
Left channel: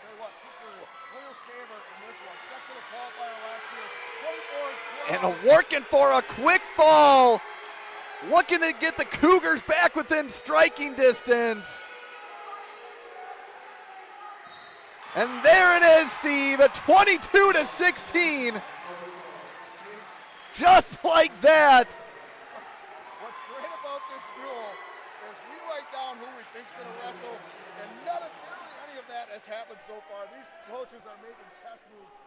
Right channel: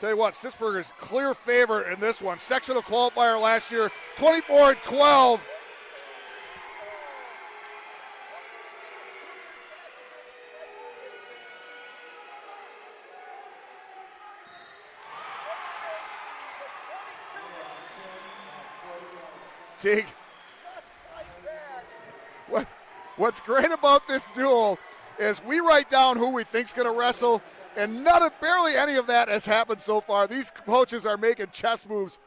Tell you what, Sitzberger's clear favorite in this one. Sectional qualifier last year, 24-12. Working for a quick fall. Looking to get the Cougars back within striking distance. And there it is, Steve, at 22-16. Teague. Just like that. What's great about this duel is we write down who we think's going to wrestle, and barely any of that has happened so far. These coaches are making chess moves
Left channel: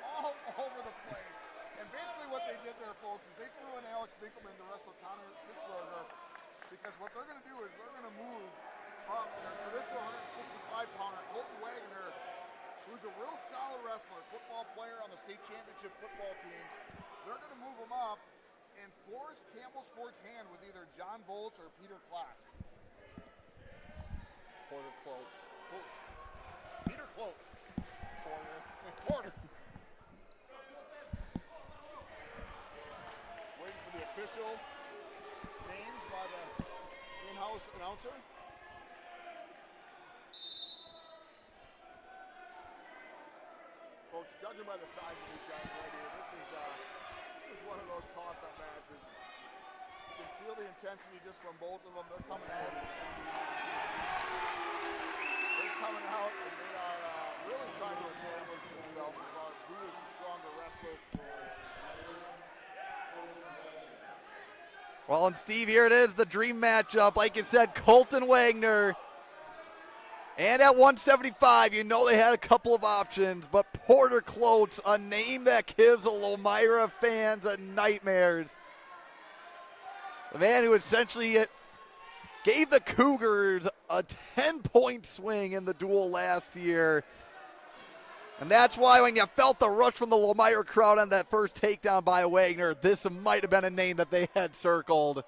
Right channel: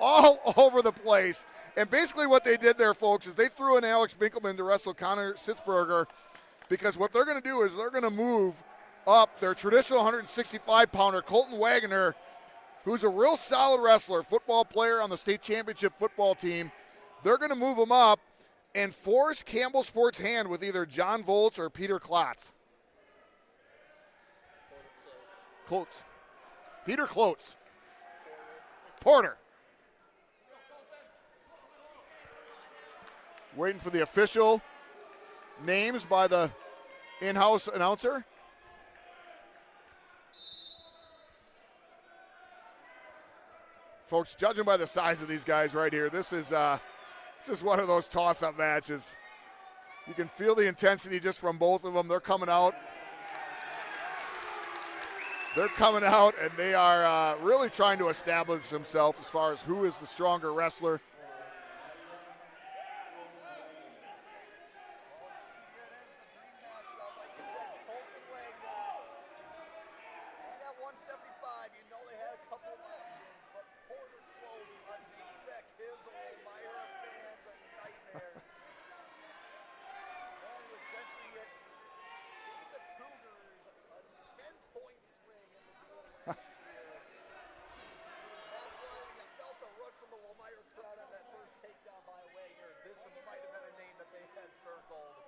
all over the place. And basically what they did there, folks, is they threw in Alex Binkelman to wrestle Connor Sitzberger because what they're going to do is they're going to move up their traditional 165-pounder, Colton Wagner, who's a real solid wrestler, football player on the state championship football team. They're going to move him up and force Campbellsport's hand with either John Volz or Peter Klotz. Klotz. Peter Klotz. Porter. Waiting for the official names by the in-house announcer. Folks, judging by the size of these guys right here, this is one of those toss-up matches. You can feel the intensity just from both of them. They're coming out. And they are really trying to establish themselves as far as who is the stronger wrestler. Well, and Steve, here it is, the dream matchup. Like you said, Colton Wagner. And at 175, you know they had a couple of options, but Porter Klotz, a name that gives the Lomira fans nightmares. The man who essentially gave the Cougars a 10-point swing in the duel last year. And that's why when you felt the rush from the Lomira crowd on that first takedown by Wagner, this might have been a name that they had circled.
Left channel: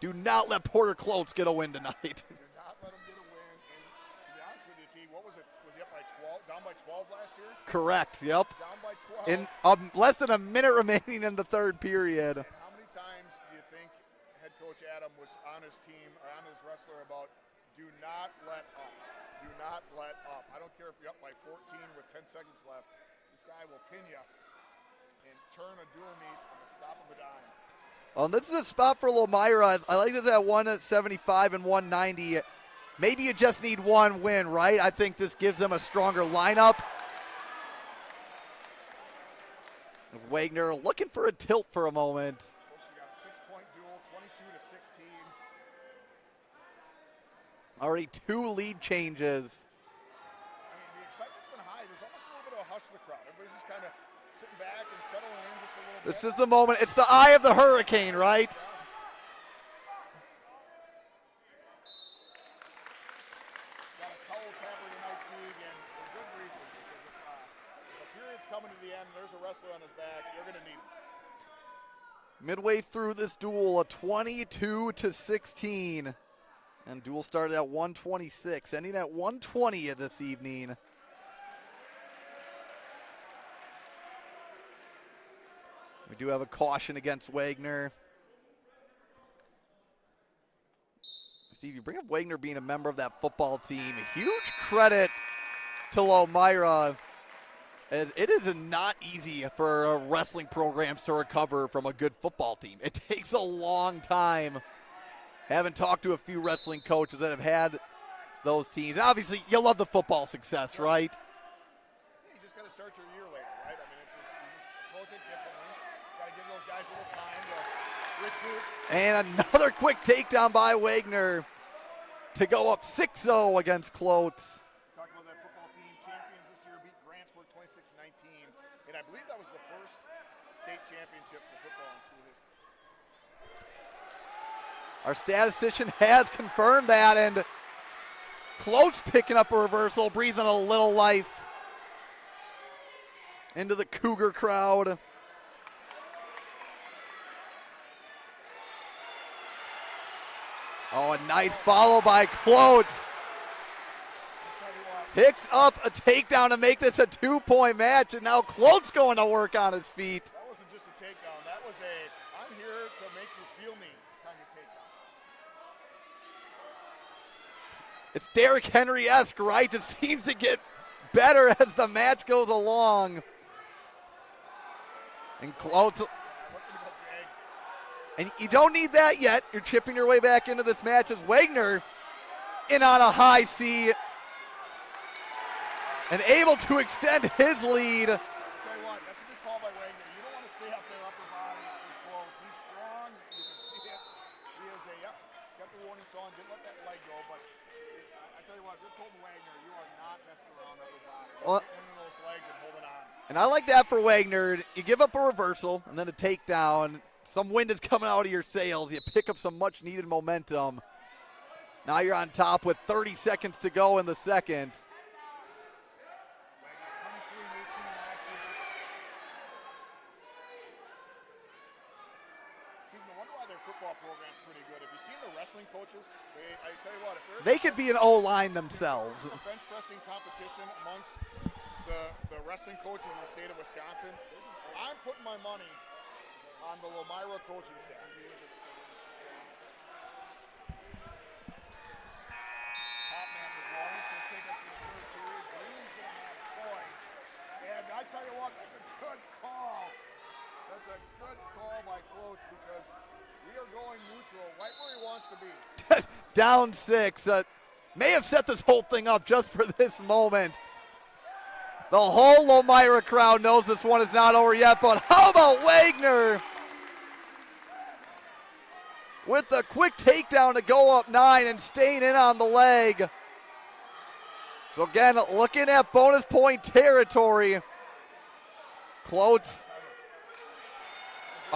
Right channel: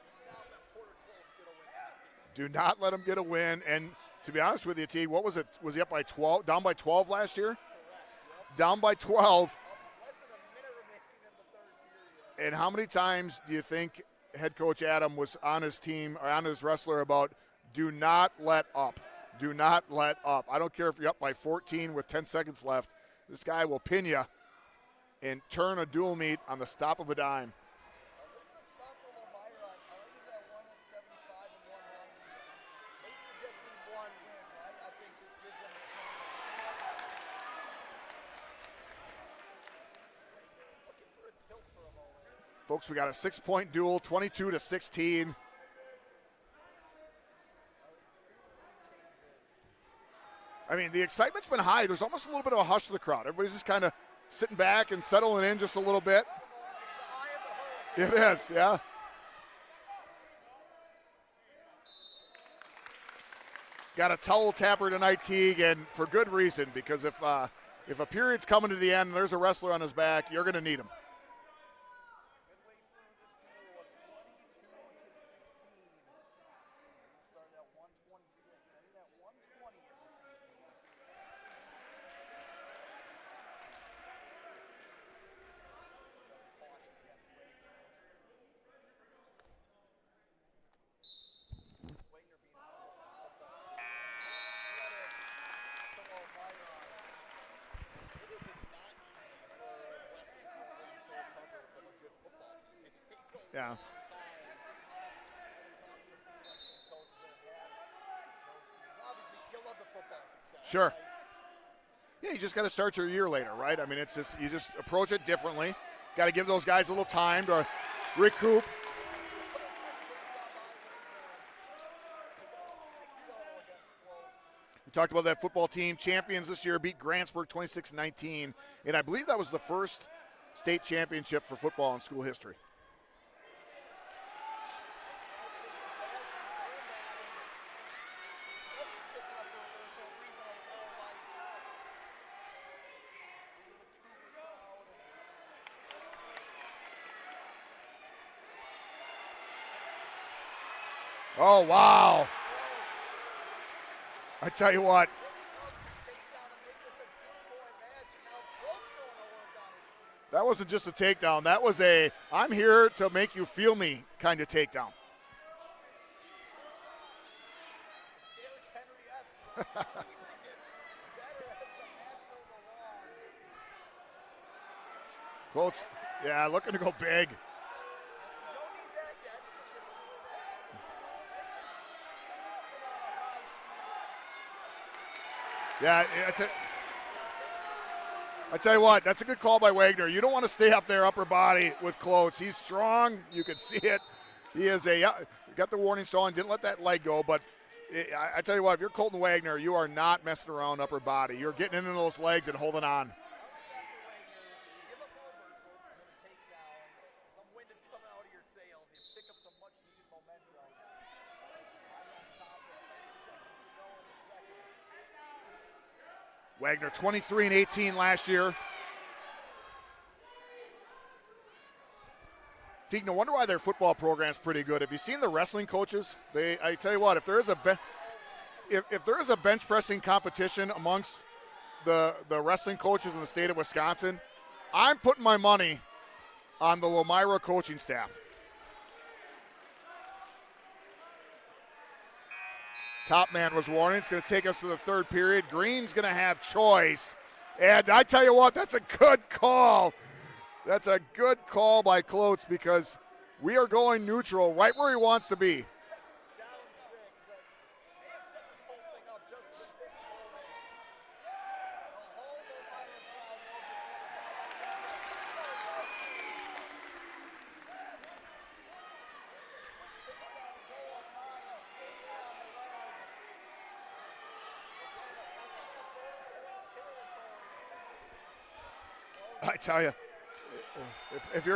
Do not let Porter Klotz get a win tonight. Do not let him get a win. And to be honest with you, T, what was it? Was he up by 12? Down by 12 last year? Correct, yep. Down by 12. Less than a minute remaining in the third period. And how many times do you think head coach Adam was on his team, or on his wrestler about do not let up? Do not let up. I don't care if you're up by 14 with 10 seconds left. This guy will pin you and turn a dual meet on the stop of a dime. Well, this is a spot for Lomira. I like this at 175 and 190. Maybe you just need one win, right? I think this gives them a stronger lineup. Wagner looking for a tilt for a moment. Folks, we got a 6-point duel, 22-16. Already 2 lead changes. I mean, the excitement's been high. There's almost a little bit of a hush to the crowd. Everybody's just kind of sitting back and settling in just a little bit. This is the moment. It's the eye of the hurricane, right? Yeah. Got a towel tapper tonight, Teague, and for good reason, because if a period's coming to the end and there's a wrestler on his back, you're going to need him. Midway through this duel, a 22-16. And duel started at 126, ending at 120 this evening. We do have a caution against Wagner. Steve, you bring up Wagner being a member of that football team. Huge credit to Lomira, as it is not easy for wrestling programs to recover from a good football team. It takes a long time. Haven't talked to a few wrestling coaches that have had those teams. Obviously, you love the football success, sure, right? Yeah, you just got to start your year later, right? I mean, it's just you just approach it differently. Got to give those guys a little time to recoup. And another quick takedown by Wagner to go up 6-0 against Klotz. We talked about that football team. Champions this year beat Grantsburg 26-19. And I believe that was the first state championship for football in school history. Our statistician has confirmed that, and Klotz picking up a reversal, breathing a little life into the Cougar crowd. Oh, a nice follow by Klotz. I tell you what. Picks up a takedown to make this a 2-point match, and now Klotz going to work on his feet. That wasn't just a takedown. That was a I'm here to make you feel me kind of takedown. It's Derrick Henry-esque, right? It seems to get better as the match goes along. And Klotz, yeah, looking to go big. And you don't need that yet. You're chipping your way back into this match as Wagner in on a high C. Yeah, and able to extend his lead. I tell you what, that's a good call by Wagner. You don't want to stay up there upper body with Klotz. He's strong. You can see it. He is got the warning sign, didn't let that leg go, but I tell you what, if you're Colton Wagner, you are not messing around upper body. You're getting into those legs and holding on. And I like that for Wagner. You give up a reversal and then a takedown. some wind is coming out of your sails. You pick up some much-needed momentum. Now you're on top with 30 seconds to go in the second. Wagner 23 and 18 last year. Teague, no wonder why their football program's pretty good. Have you seen the wrestling coaches? I tell you what, if there is they could be an O-line themselves. If there is a bench pressing competition amongst the wrestling coaches in the state of Wisconsin, I'm putting my money on the Lomira coaching staff. Top man was warning. It's going to take us to the third period. Green's going to have choice. And I tell you what, that's a good call. That's a good call by Klotz because we are going neutral right where he wants to be. Down 6. May have set this whole thing up just for this moment. The whole Lomira crowd knows this one is not over yet, but how about Wagner? With the quick takedown to go up 9 and staying in on the leg. So again, looking at bonus point territory. Klotz. I tell you. If you're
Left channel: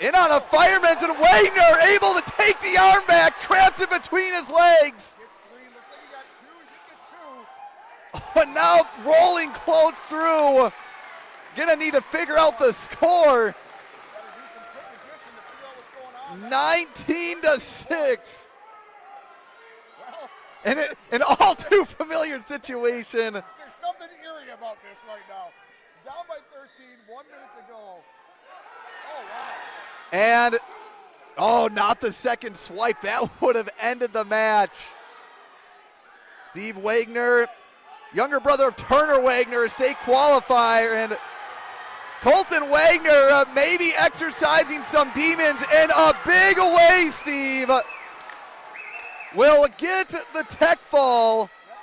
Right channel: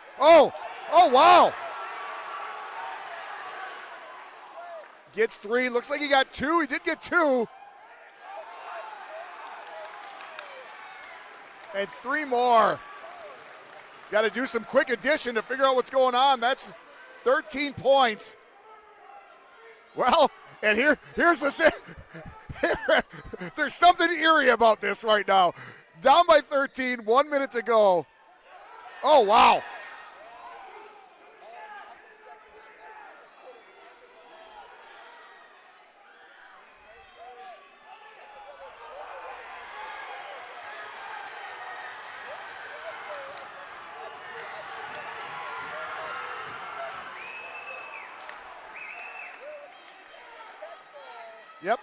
in on a fireman's and wow. Wagner able to take the arm back, trapped in between his legs. Gets 3, looks like he got 2, he did get 2. But now rolling Klotz through. Gonna need to figure out the score. Got to do some quick addition to figure out what's going on. That's 19 13 to points. 6. Well, and an here's all too familiar situation. There's something eerie about this right now. Down by 13, 1 minute to go. Oh, wow. And, not the second swipe. That would have ended the match. Steve Wagner, younger brother of Turner Wagner, a state qualifier, and Colton Wagner maybe exercising some demons, and a big away, Steve. Will get the tech fall. Yep.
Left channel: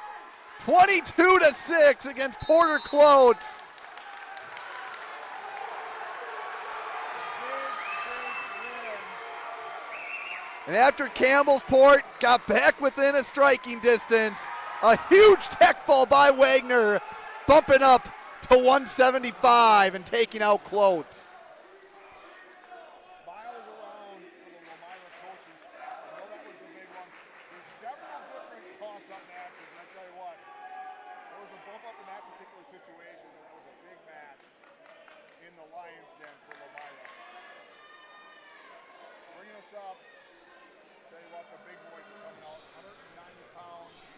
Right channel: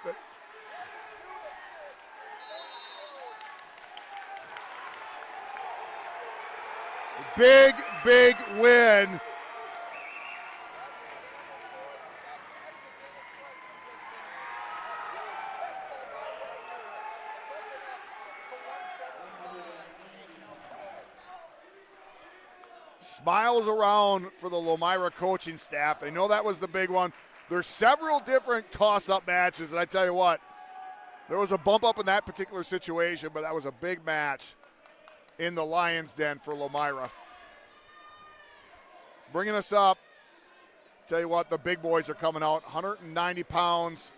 22 to 6 against Porter Klotz. Big, big win. And after Campbellsport got back within a striking distance, a huge tech fall by Wagner, bumping up to 175 and taking out Klotz. Smiles around for the Lomira coaching staff. They know that was the big one. There's several different toss-up matches, and I tell you what, there was a bump up in that particular situation, but that was a big match in the Lions' Den for Lomira. Bringing us up, tell you what, the big boys are coming out, 190 pounds.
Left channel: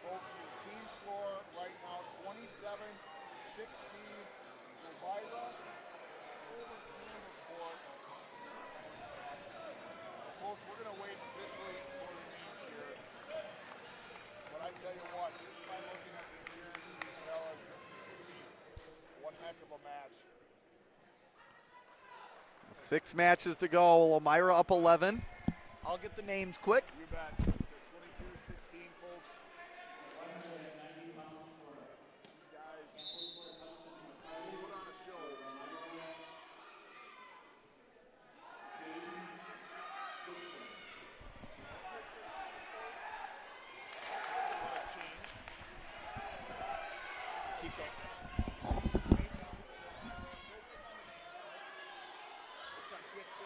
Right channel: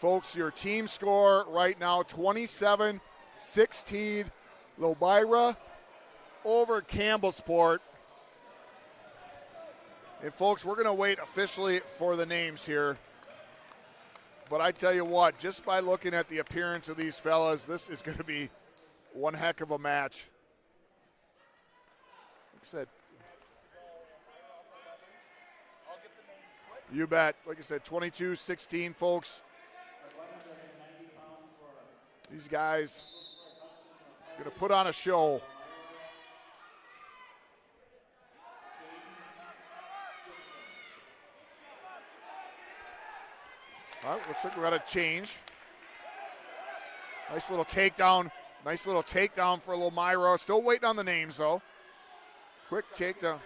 Folks, your team score right now, 27-16, Lomira over Campbellsport. And folks, we're going to wait officially for the names here. But I tell you what, just by looking at the appearance of these fellas, this is going to be one heck of a match. 6 matches to go. Lomira up 11. I'll get the names quick. You bet. Like I said, 22-16, folks. These guys going to put on a show. Well, looks like we're going to change. Nice little takedown. Nice little takedown for Lomira. Still waiting on the names, though. Quick takedown.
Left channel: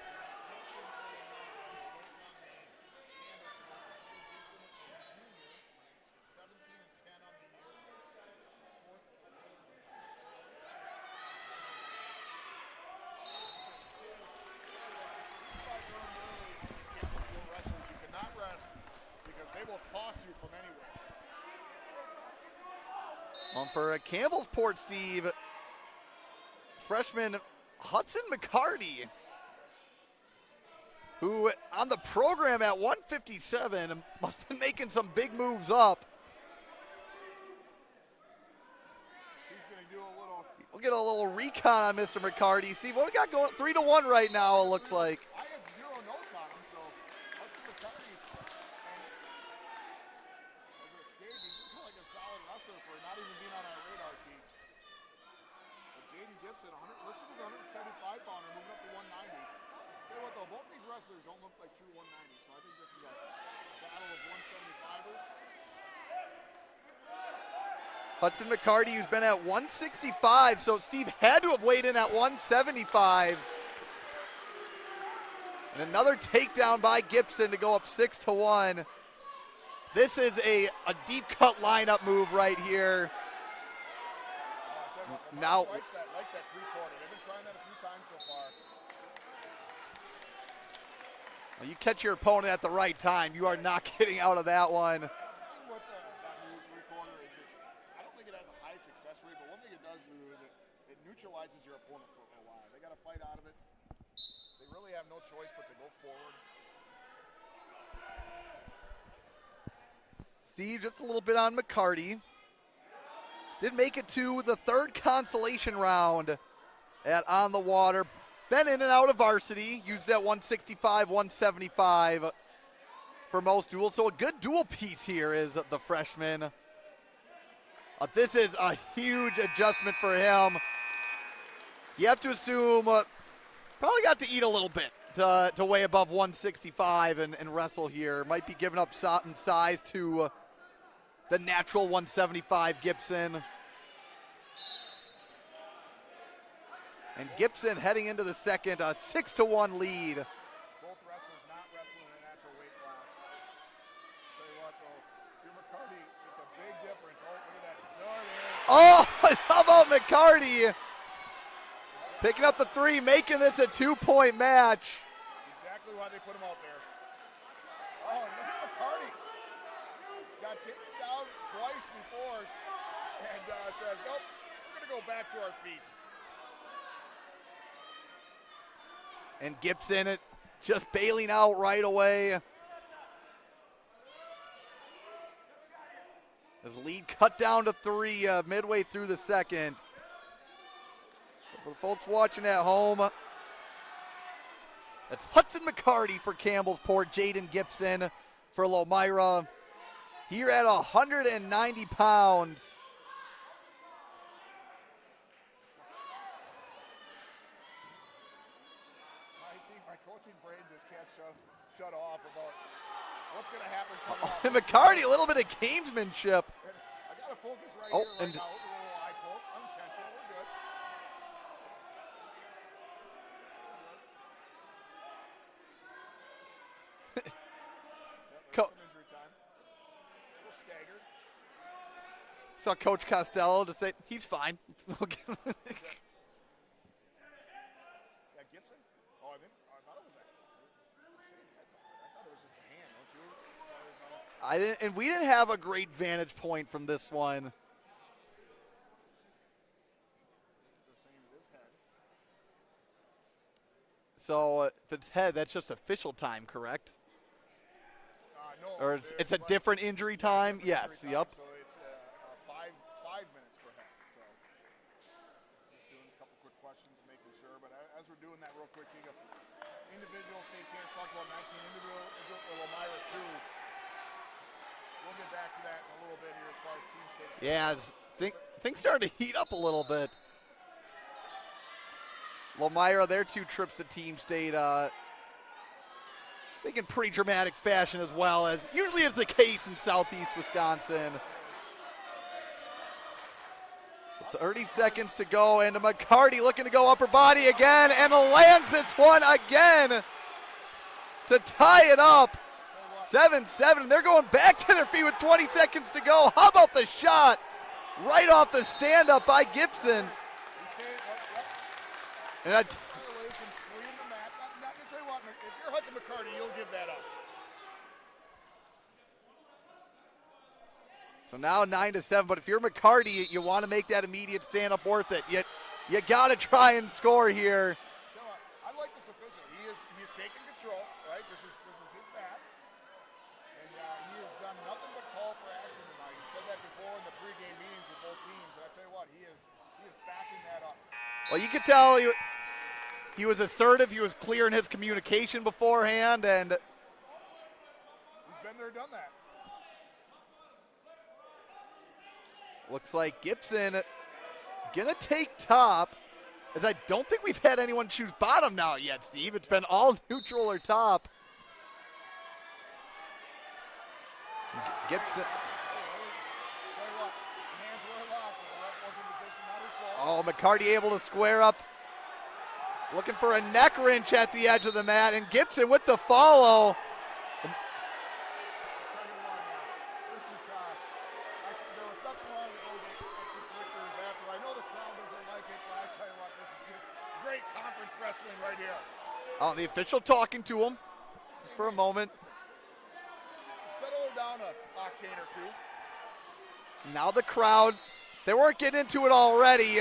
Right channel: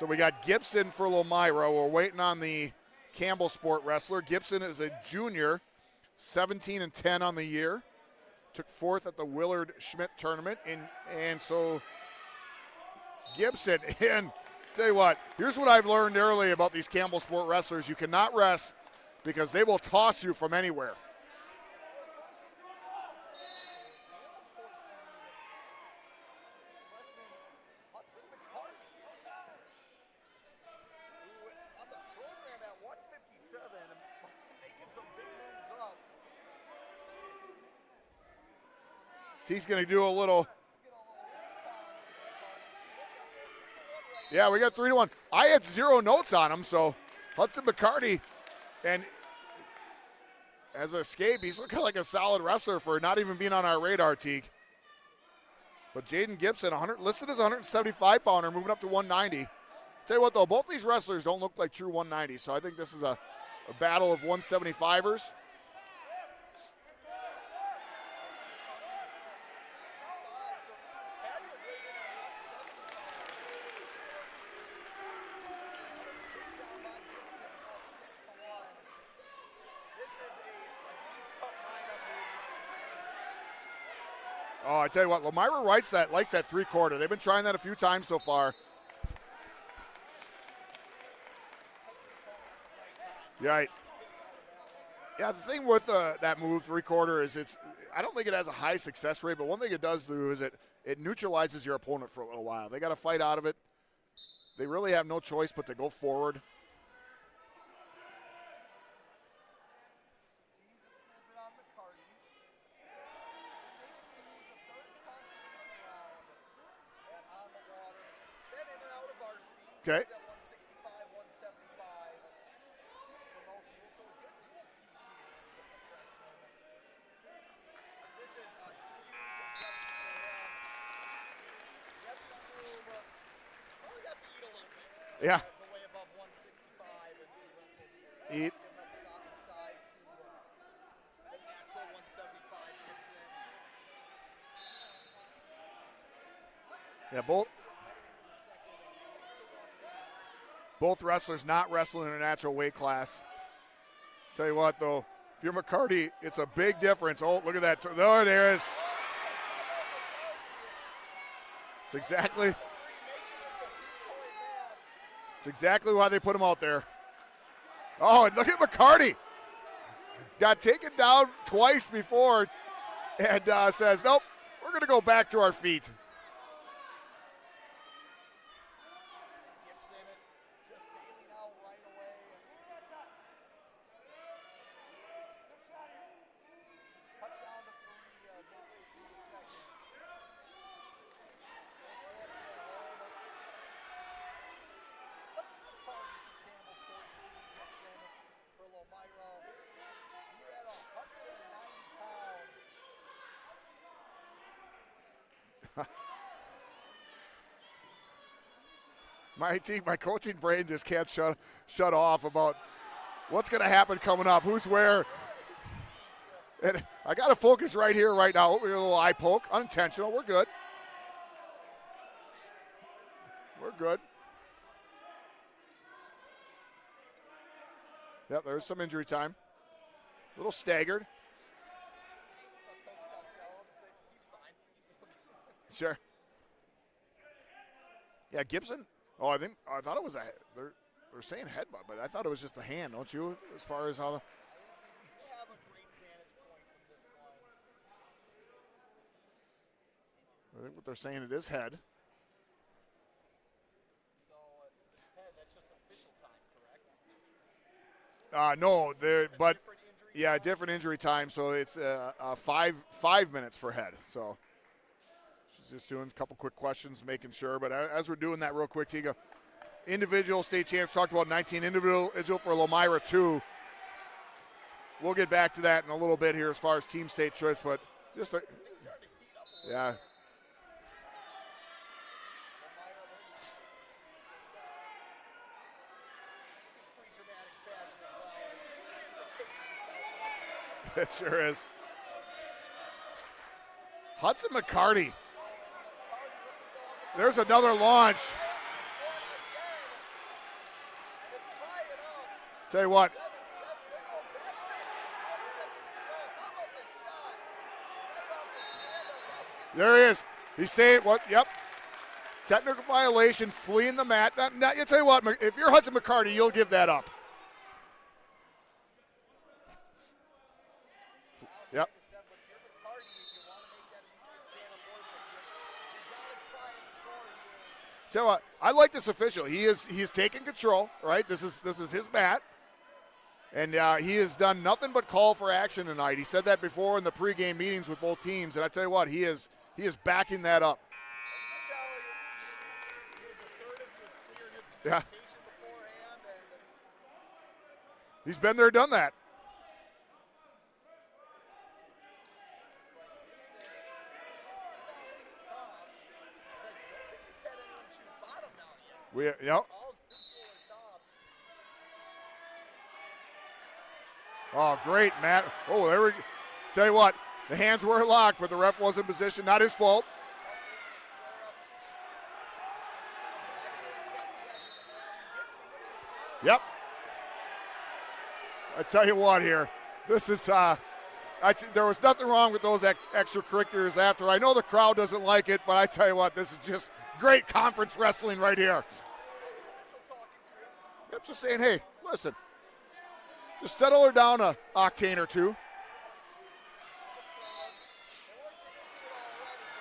So we got Gibson for Lomira. We're waiting on the Campbellsport wrestler. Gibson is a junior, 17-10 on the year. Took 4th at the Willard Schmidt tournament. And so Gibson, and tell you what, here's what I've learned early about these Campbellsport wrestlers. You cannot rest because they will toss you from anywhere. For a Campbellsport, Steve, freshman Hudson McCarty, who on the program at 157 must have been making some big moves up. He's going to do a little. We'll get a little recon on Mr. McCarty. Steve, what we got going? 3-1 right now. Yeah, we got 3-1. Like. I had 0 notes on him, so Hudson McCarty, and as an escape, he's looking like a solid wrestler for not even being on our radar, Teague. But Jaden Gibson, listed as a 175-pounder, moving up to 190. Tell you what, though, both these wrestlers don't look like true 190s, so I think this is a battle of 175ers. Hudson McCarty, who's been at 165, so Steve had to have weighed in at 175. And another takedown by Gibson to go up 6-1. This is a deep cut lineup move right here. Oh, I tell you what, Lomira likes that three-quarter. They've been trying that a few times so far. You catch your opponent at the right time. You Right. are not getting out of that one. Yeah, the thing with that move, three-quarter, is I don't think it has a high success rate, but one thing it does do is it neutralizes your opponent for a little while. They got to fight out of it. They really have no choice but to go forward. Steve just a little bit on McCarty. Did make it to the third consolation round at On the Water. Been in and out of varsity. Okay. Used it at 165, 175 for most duels. So a good dual piece here is the freshman. This is a huge adjustment for him. You have to assume probably got to eat a little bit to weigh above 165 and wrestle here. Might be giving up in size to the natural 175 Gibson. Yeah, And Gibson heading into the second, a 6-1 lead. Both wrestlers not wrestling in a natural weight class. Tell you what, though, if you're McCarty, it's a big difference. Oh, look at that. There it is. Oh, how about McCarty? It's exactly, Picking up the three, making this a 2-point match. it's exactly why they put him out there. Oh, and look at McCarty. Got taken down twice before and says, nope, we're going to go back to our feet. And Gibson just bailing out right away. His lead cut down to 3 midway through the second. For folks watching at home, that's Hudson McCarty for Campbellsport, Jaden Gibson for Lomira. Here at 190 pounds. My coaching brain just can't shut off about what's going to happen coming up. Who's McCarty, a little bit of gamesmanship. And I got to focus right here, right now. A little eye poke, unintentional. We're good. We're good. Yep, there's some injury time. A little staggered. Saw Coach Costello to say he's fine. Sure. Yeah, Gibson. Oh, I thought it was they're saying headbutt, but I thought it was just the hand, don't you? As far as how we didn't have a great vantage point from this one. I think what they're saying, it is head. So if it's head, that's just official time, correct? No, it's a different injury time. Yeah, different injury time. Yep. So it's 5 minutes for head. So she's just doing a couple quick questions, making sure. But as we're doing that real quick, Tiga, individual state champs talked about 19 individual for Lomira 2. We'll get back to that in a little bit here as far as team state trips. Yeah, things starting to heat up a little bit. Lomira, their 2 trips to team state. I think in pretty dramatic fashion as well, as usually is the case in southeast Wisconsin. It sure is. Hudson 30 McCarty. seconds to go, and McCarty looking to go upper body There's again, and lands this one again to tie it up. Tell you what. 7-7. They're going back to their feet with 20 seconds to go. How about the shot right off the stand-up by Gibson? There he is. He's saying what? Yep. Technical violation, fleeing the mat. Now, you tell you what, if you're Hudson McCarty, you'll give that up. So now 9-7, but if you're McCarty, you want to make that immediate stand-up worth it. You got to try and score here. Tell you what, I like this official. He's taking control, right? This is his mat. And he has done nothing but call for action tonight. He said that before in the pregame meetings with both teams, and I tell you what, he is backing that up. Well, you could tell he was assertive. He was clear in his communication beforehand, and he's been there, done that. Looks like Gibson gonna take top, as I don't think we've had anyone choose bottom now yet, Steve. It's been all neutral or top. Oh, great, Matt. Oh, there we go. Tell you what, The hands were locked, but the ref was in position. Not his fault. Oh, McCarty able to square up. Looking for a neck wrench at the edge of the mat, and Gibson with the follow. Yep. I tell you what here, this is, there was nothing wrong with those extracurriculars after. I know the crowd doesn't like it, but I tell you what, this is just great conference wrestling right here. Oh, the official talking to him. Yep, just saying, for hey, a moment. Listen, just settle her down a octane or two. Now the crowd, they weren't getting into it already.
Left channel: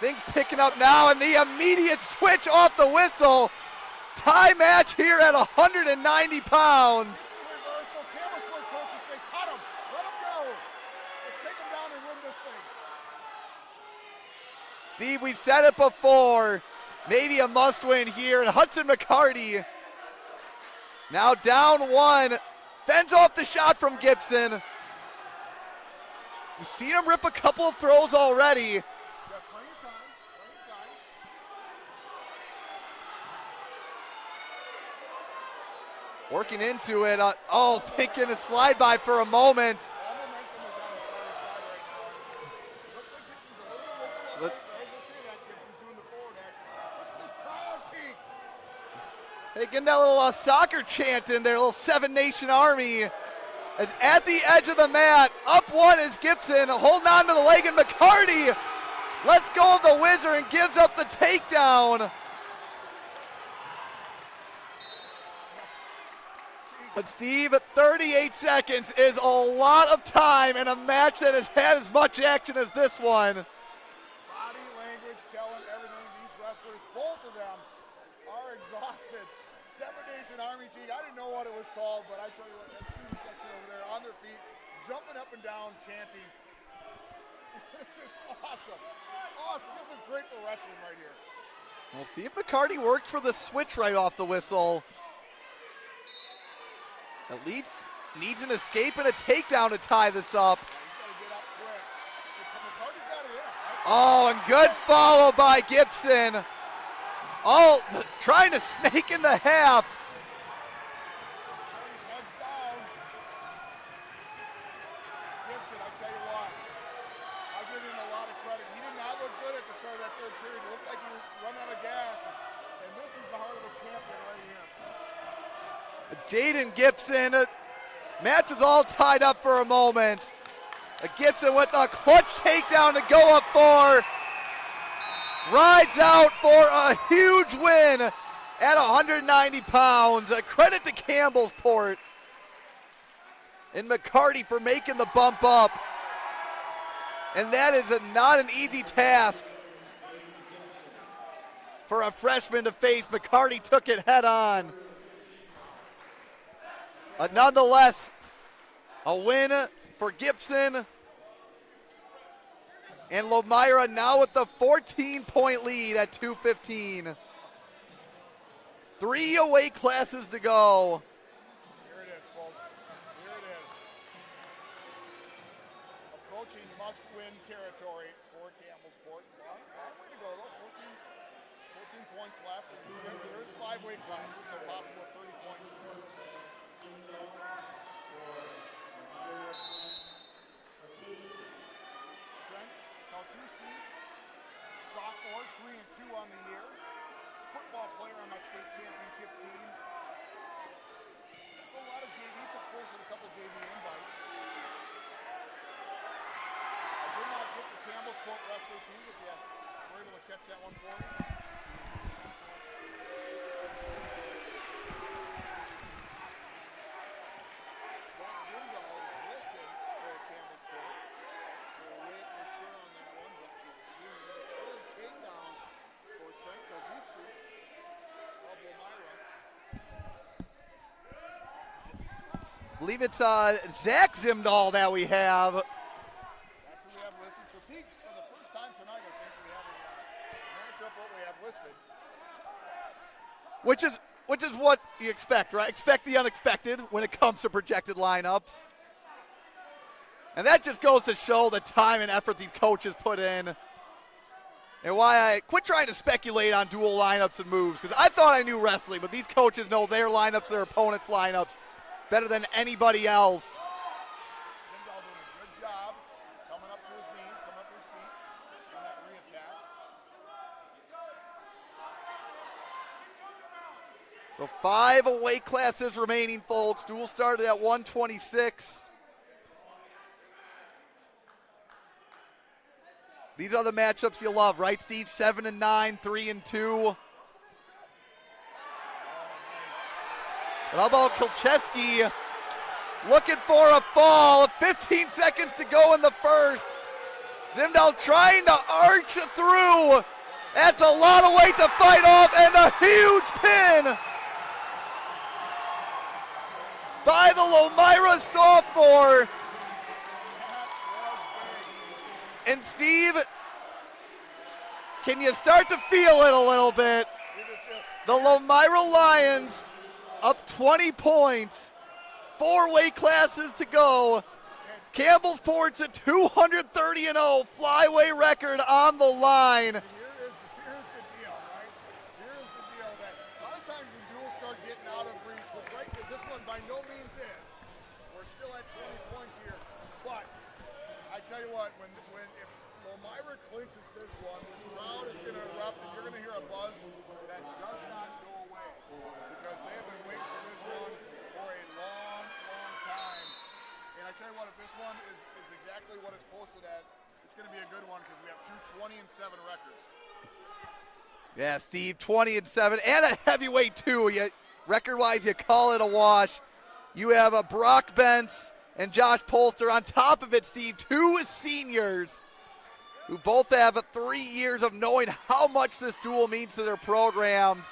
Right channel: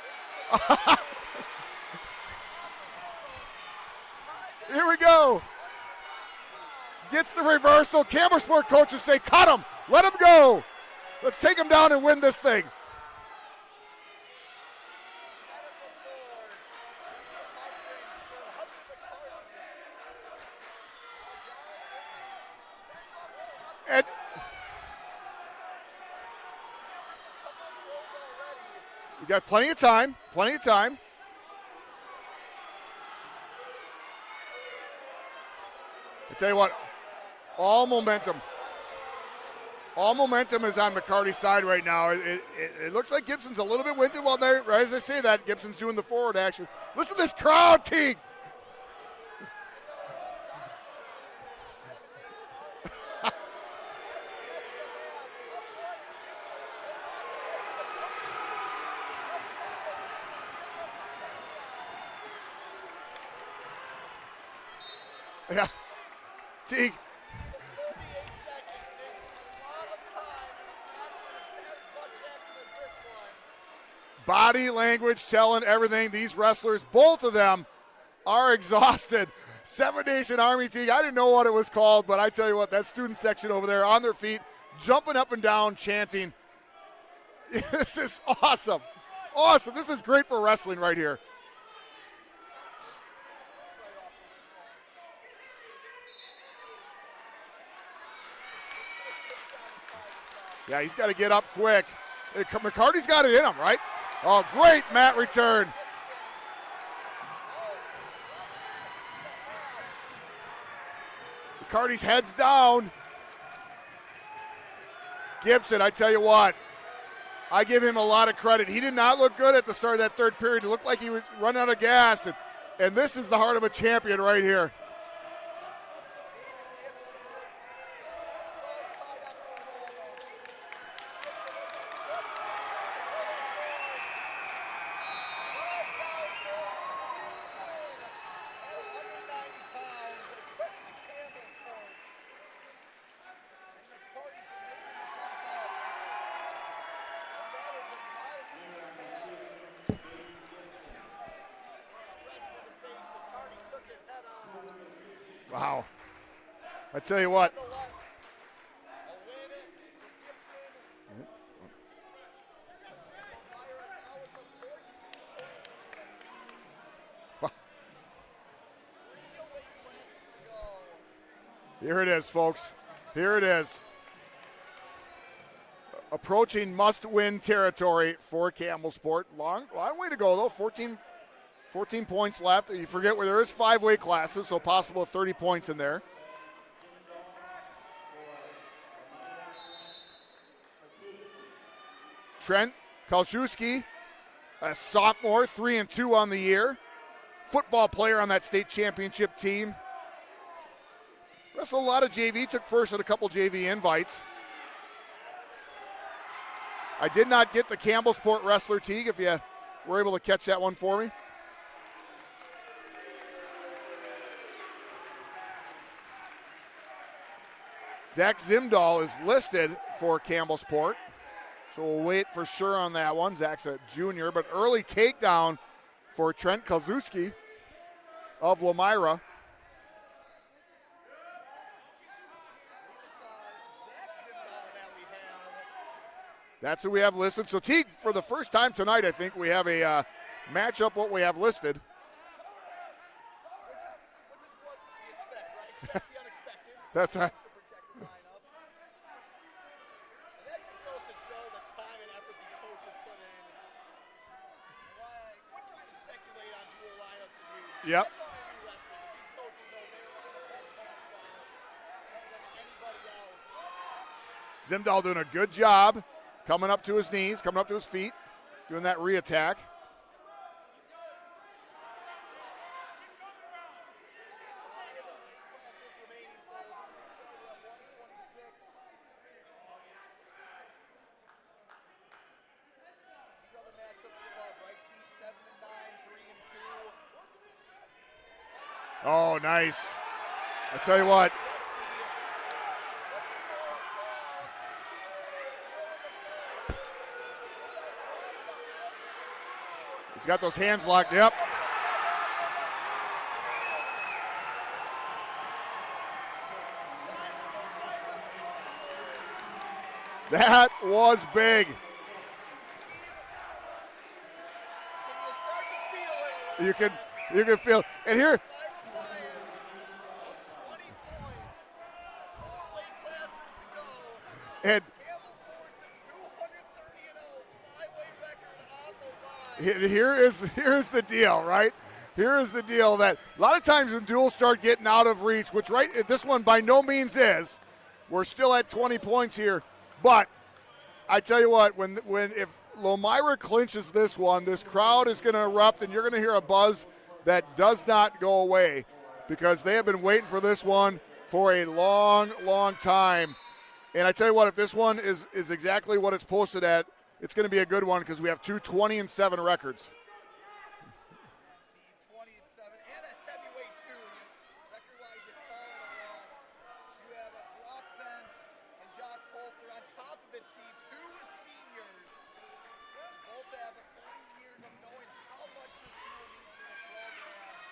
Things picking up now, and the immediate switch off the whistle. Tie match here at 190 pounds. Gets the reversal. Campbellsport coaches say, cut him. Let him go. Let's take him down and win this thing. Steve, we said it before. Maybe a must-win here. And Hudson McCarty now down one. Fends off the shot from Gibson. You've seen him rip a couple of throws already. We got plenty of time. Plenty of time. Working into it. All thinking momentum. a slide by for a moment. All momentum is on McCarty's side right now. It looks like Gibson's a little bit winded. Well, there, as I say that, Gibson's doing the forward action. Listen to this crowd, Teague. Hey, getting that little soccer chant in there, little Seven Nation Army. As at the edge of the mat, up one is Gibson, holding on to the leg, and McCarty lets go of the whizzer and gives up the takedown. Yeah. Teague. But Steve, 38 seconds is a lot of time in a match that has had as much action as this one. Body language telling everything. These wrestlers, both of them, are exhausted. Seven Nation Army, Teague. I didn't know what it was called, but I tell you what, that student section over there on their feet, jumping up and down, chanting. This is awesome. Awesome. This is great for wrestling right here. We'll see if McCarty worked for the switch right off the whistle. At least needs an escape and a takedown to tie this up. Yeah, he's got to get up quick. McCarty's got it in him, right? Oh, good follow by Gibson. Trying to snake in the half. McCarty's head's down. Gibson, I tell you what, I give him a lot of credit. He did not look good at the start of that third period. It looked like he was running out of gas, and this is the heart of a champion right here. Jaden Gibson, match was all tied up for a moment. Gibson with a clutch takedown to go up for. Rides out for a huge win at 190 pounds. A credit to Campbellsport and McCarty for making the bump up. And that is not an easy task for a freshman to face. McCarty took it head on. Wow. I tell you but what. Nonetheless, a win for Gibson. And Lomira now with the 14-point lead at 2:15. 3 away classes to go. Here it is, folks. Here it is. Approaching must-win territory for Campbellsport. Long way to go, though. 14 points left. You forget where there is 5 weight classes, so possible 30 points in there. Trent Kalszewski, a sophomore, 3-2 on the year. Football player on that state championship team. Wrestled a lot of JV, took first at a couple JV invites. I did not get the Campbellsport wrestler, Teague, if you were able to catch that one for me. Zach Zimdahl is listed for Campbellsport, so we'll wait for sure on that one. Zach's a junior, but early takedown for Trent Kalszewski of Lomira. I believe it's Zach Zimdahl that we have. That's who we have listed. So, Teague, for the first time tonight, I think we have a matchup what we have listed. Which is what you expect, right? Expect the unexpected when it comes to projected lineups. And that just goes to show the time and effort these coaches put in. And why I quit trying to speculate on dual lineups and moves. Because I thought I knew wrestling, but these coaches know their lineups, their opponents' lineups better than anybody else. Zimdahl doing a good job. coming up to his knees, coming up to his feet, doing that re-attack. So 5 weight classes remaining, folks. Duel started at 126. These are the matchups you love, right, Steve? 7-9, 3-2. Oh, nice. How about Krzyzewski looking for a fall? 15 seconds to go in the first. Zimdahl trying to arch through. He's got those hands. That's a lot of weight to fight off, and a huge pin by the Lomira sophomore. That was big. And Steve, can you start to feel it a little bit? You can feel the Lomira Lions up 20 points, 4 weight classes to go. And Campbellsport's at 230-0, flyweight record on the line. Here's the deal, right? Here is the deal that a lot of times when duels start getting out of reach, which this one by no means is, we're still at 20 points here. But I tell you what, if Lomira clinches this one, this crowd is going to erupt, and you're going to hear a buzz that does not go away because they have been waiting for this one for a long, long time. And I tell you what, if this one is exactly what it's posted at, it's going to be a good one because we have two 20-7 records. Yeah, Steve, 20-7, and a heavyweight too. Record-wise, you call it a wash. You have a Brock Bentz and Josh Polster on top of it, Steve, 2 seniors who both have 3 years of knowing how much this duel means to their programs.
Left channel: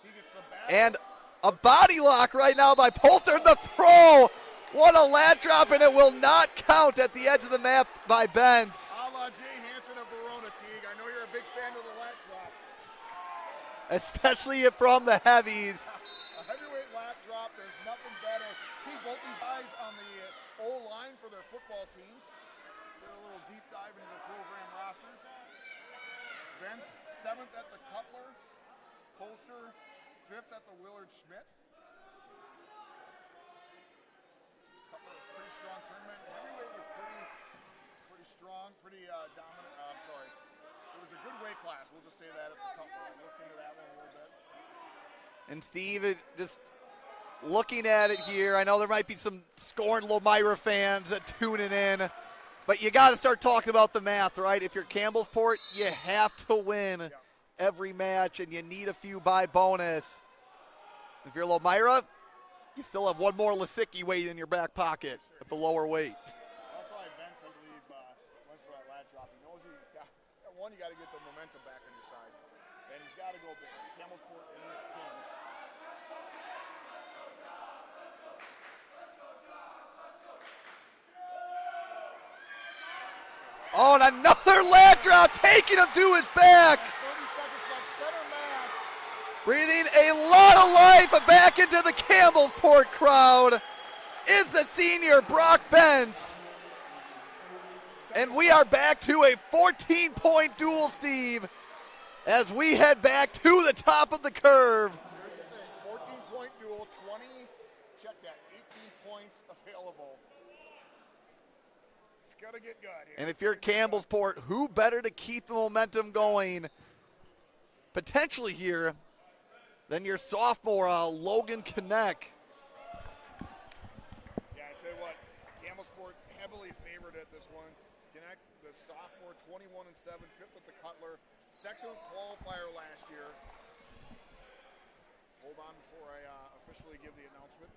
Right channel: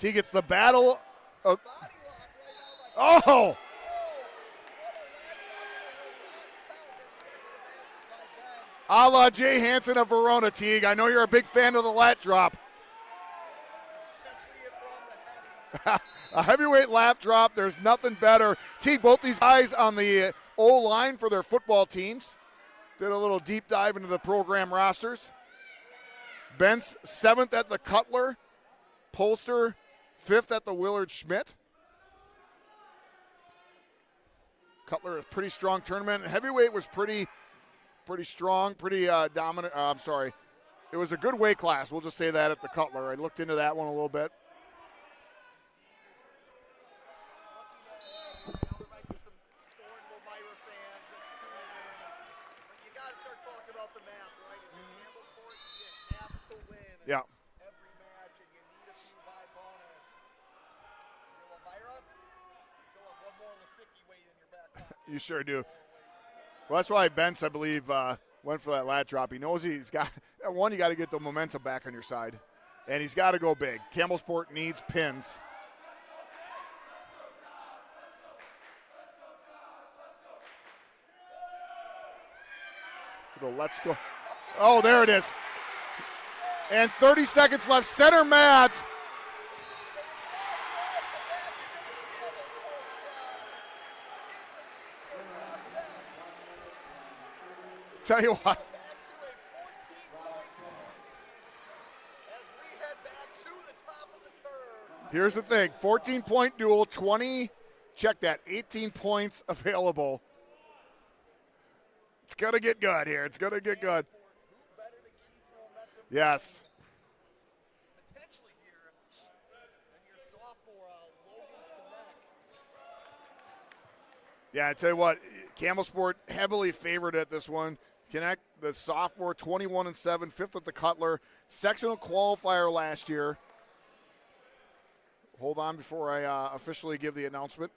He gets the battle. And a body lock right now by Polster. Oh. The throw. What a lat drop, and it will not count at the edge of the map by Bentz. A la Jay Hansen of Verona, Teague. I know you're a big fan of the lat drop. Especially from the heavies. A heavyweight lap drop, there's nothing better. Teague, both these guys on the O-line for their football teams. Did a little deep dive into the program rosters. Bentz 7th at the Cutler. Polster 5th at the Willard Schmidt. Cutler, a pretty strong tournament. Heavyweight was pretty strong, pretty dominant. I'm sorry. It was a good weight class. We'll just say that at the Cutler. I looked into that one a little bit. And Steve, just looking at it here, I know there might be some scorned Lomira fans that tuning in, but you got to start talking about the math, right? If you're Campbellsport, you have to win every match, and you need a few by bonus. If you're Lomira, you still have one more Lisicki weight in your back pocket. You sure do. The lower weight. Well, that's why Bentz, I believe, went for that lat drop. He knows he's got one. You got to get the momentum back on your side, and he's got to go big. Campbellsport needs pins. And another lat drop, taking him to his back. And 30 seconds left. Center mat. Breathing a lot of life back into the Campbellsport crowd is the senior Brock Bentz. And we are back to a 14-point duel, Steve, as we head back to the top of the curve. Here's the thing, 14-point duel, 20, check that, 18 points available. It's going to get good here. And if you're Campbellsport, who better to keep the momentum going potentially here than your sophomore, Logan Kinect. Yeah, I tell you what, Campbellsport heavily favored at this one. Kinect, the sophomore, 21-7, 5th at the Cutler. Sectional qualifier last year. Hold on before I officially give the announcement.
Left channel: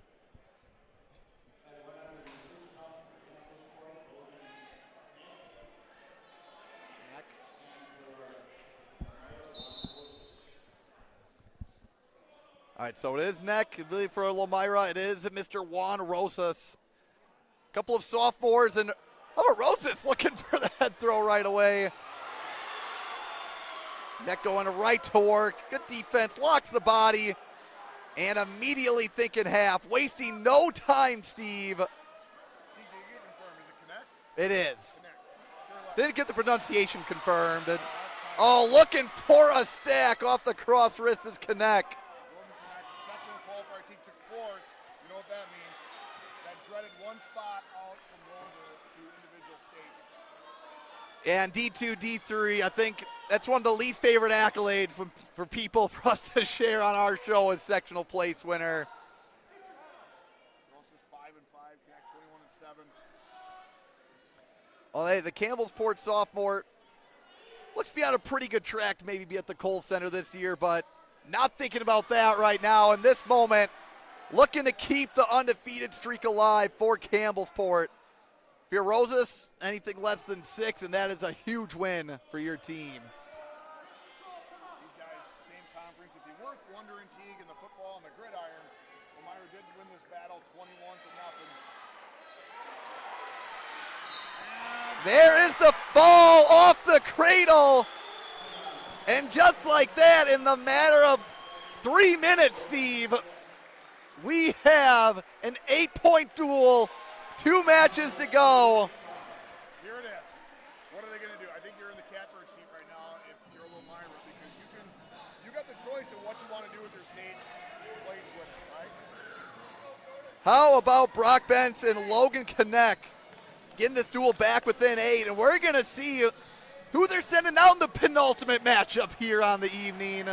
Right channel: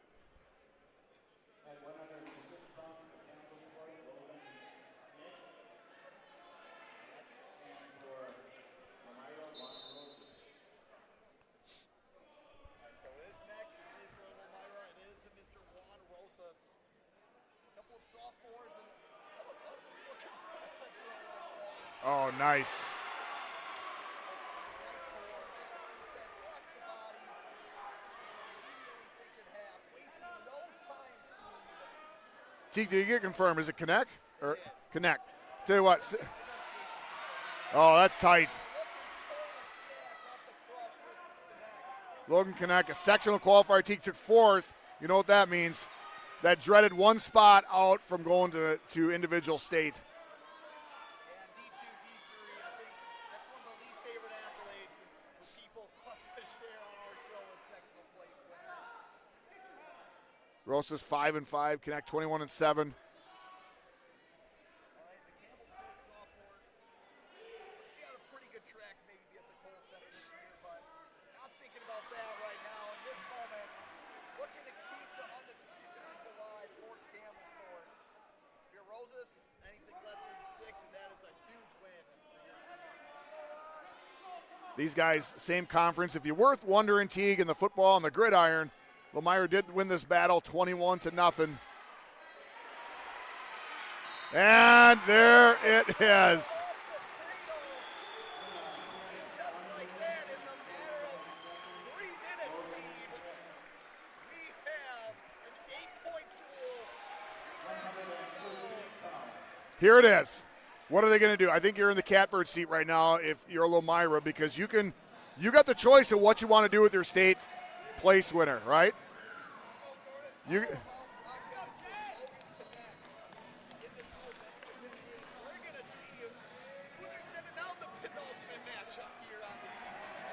All right, so it is neck for Lomira. It is Mr. Juan Rosas. A couple of sophomores, and how about Rosas looking for the head throw right away. Oh, nice. Neck going right to work. Good defense, locks the body, and immediately thinking half. Wasting no time, Steve. Did you get confirmed? Is it Kinect? It is. Kinect. Tell you what. Didn't get the pronunciation confirmed. Oh, that's tight. Oh, looking for a stack off the cross wrist is Kinect. Logan Kinect, a sectional qualifier. Teague took 4th. You know what that means. that dreaded one spot out from going to individual state. And D2, D3, I think that's one of the least favorite accolades for people for us to share on our show as sectional place winner. Rosa's 5-5, Connect 21-7. Well, hey, the Campbellsport sophomore looks to be on a pretty good track to maybe be at the Kohl Center this year, but not thinking about that right now. In this moment, looking to keep the undefeated streak alive for Campbellsport. If you're Rosas, anything less than 6, and that is a huge win for your team. These guys, same conference. If you're worth wondering, Teague, in the football and the gridiron, Lomira did win this battle 21-0. And there's the ball off the cradle. And just like that, in the matter of 3 minutes, Steve, we have an 8-point duel, 2 matches to go. Here it is. What are they going to do? I think you're in the catbird seat right now if you're Lomira, because you got the choice of what you want to do with your state place winner, right? How about Brock Bentz and Logan Connect getting this duel back within 8, and we're going to see who they're sending out in the penultimate matchup here on the evening.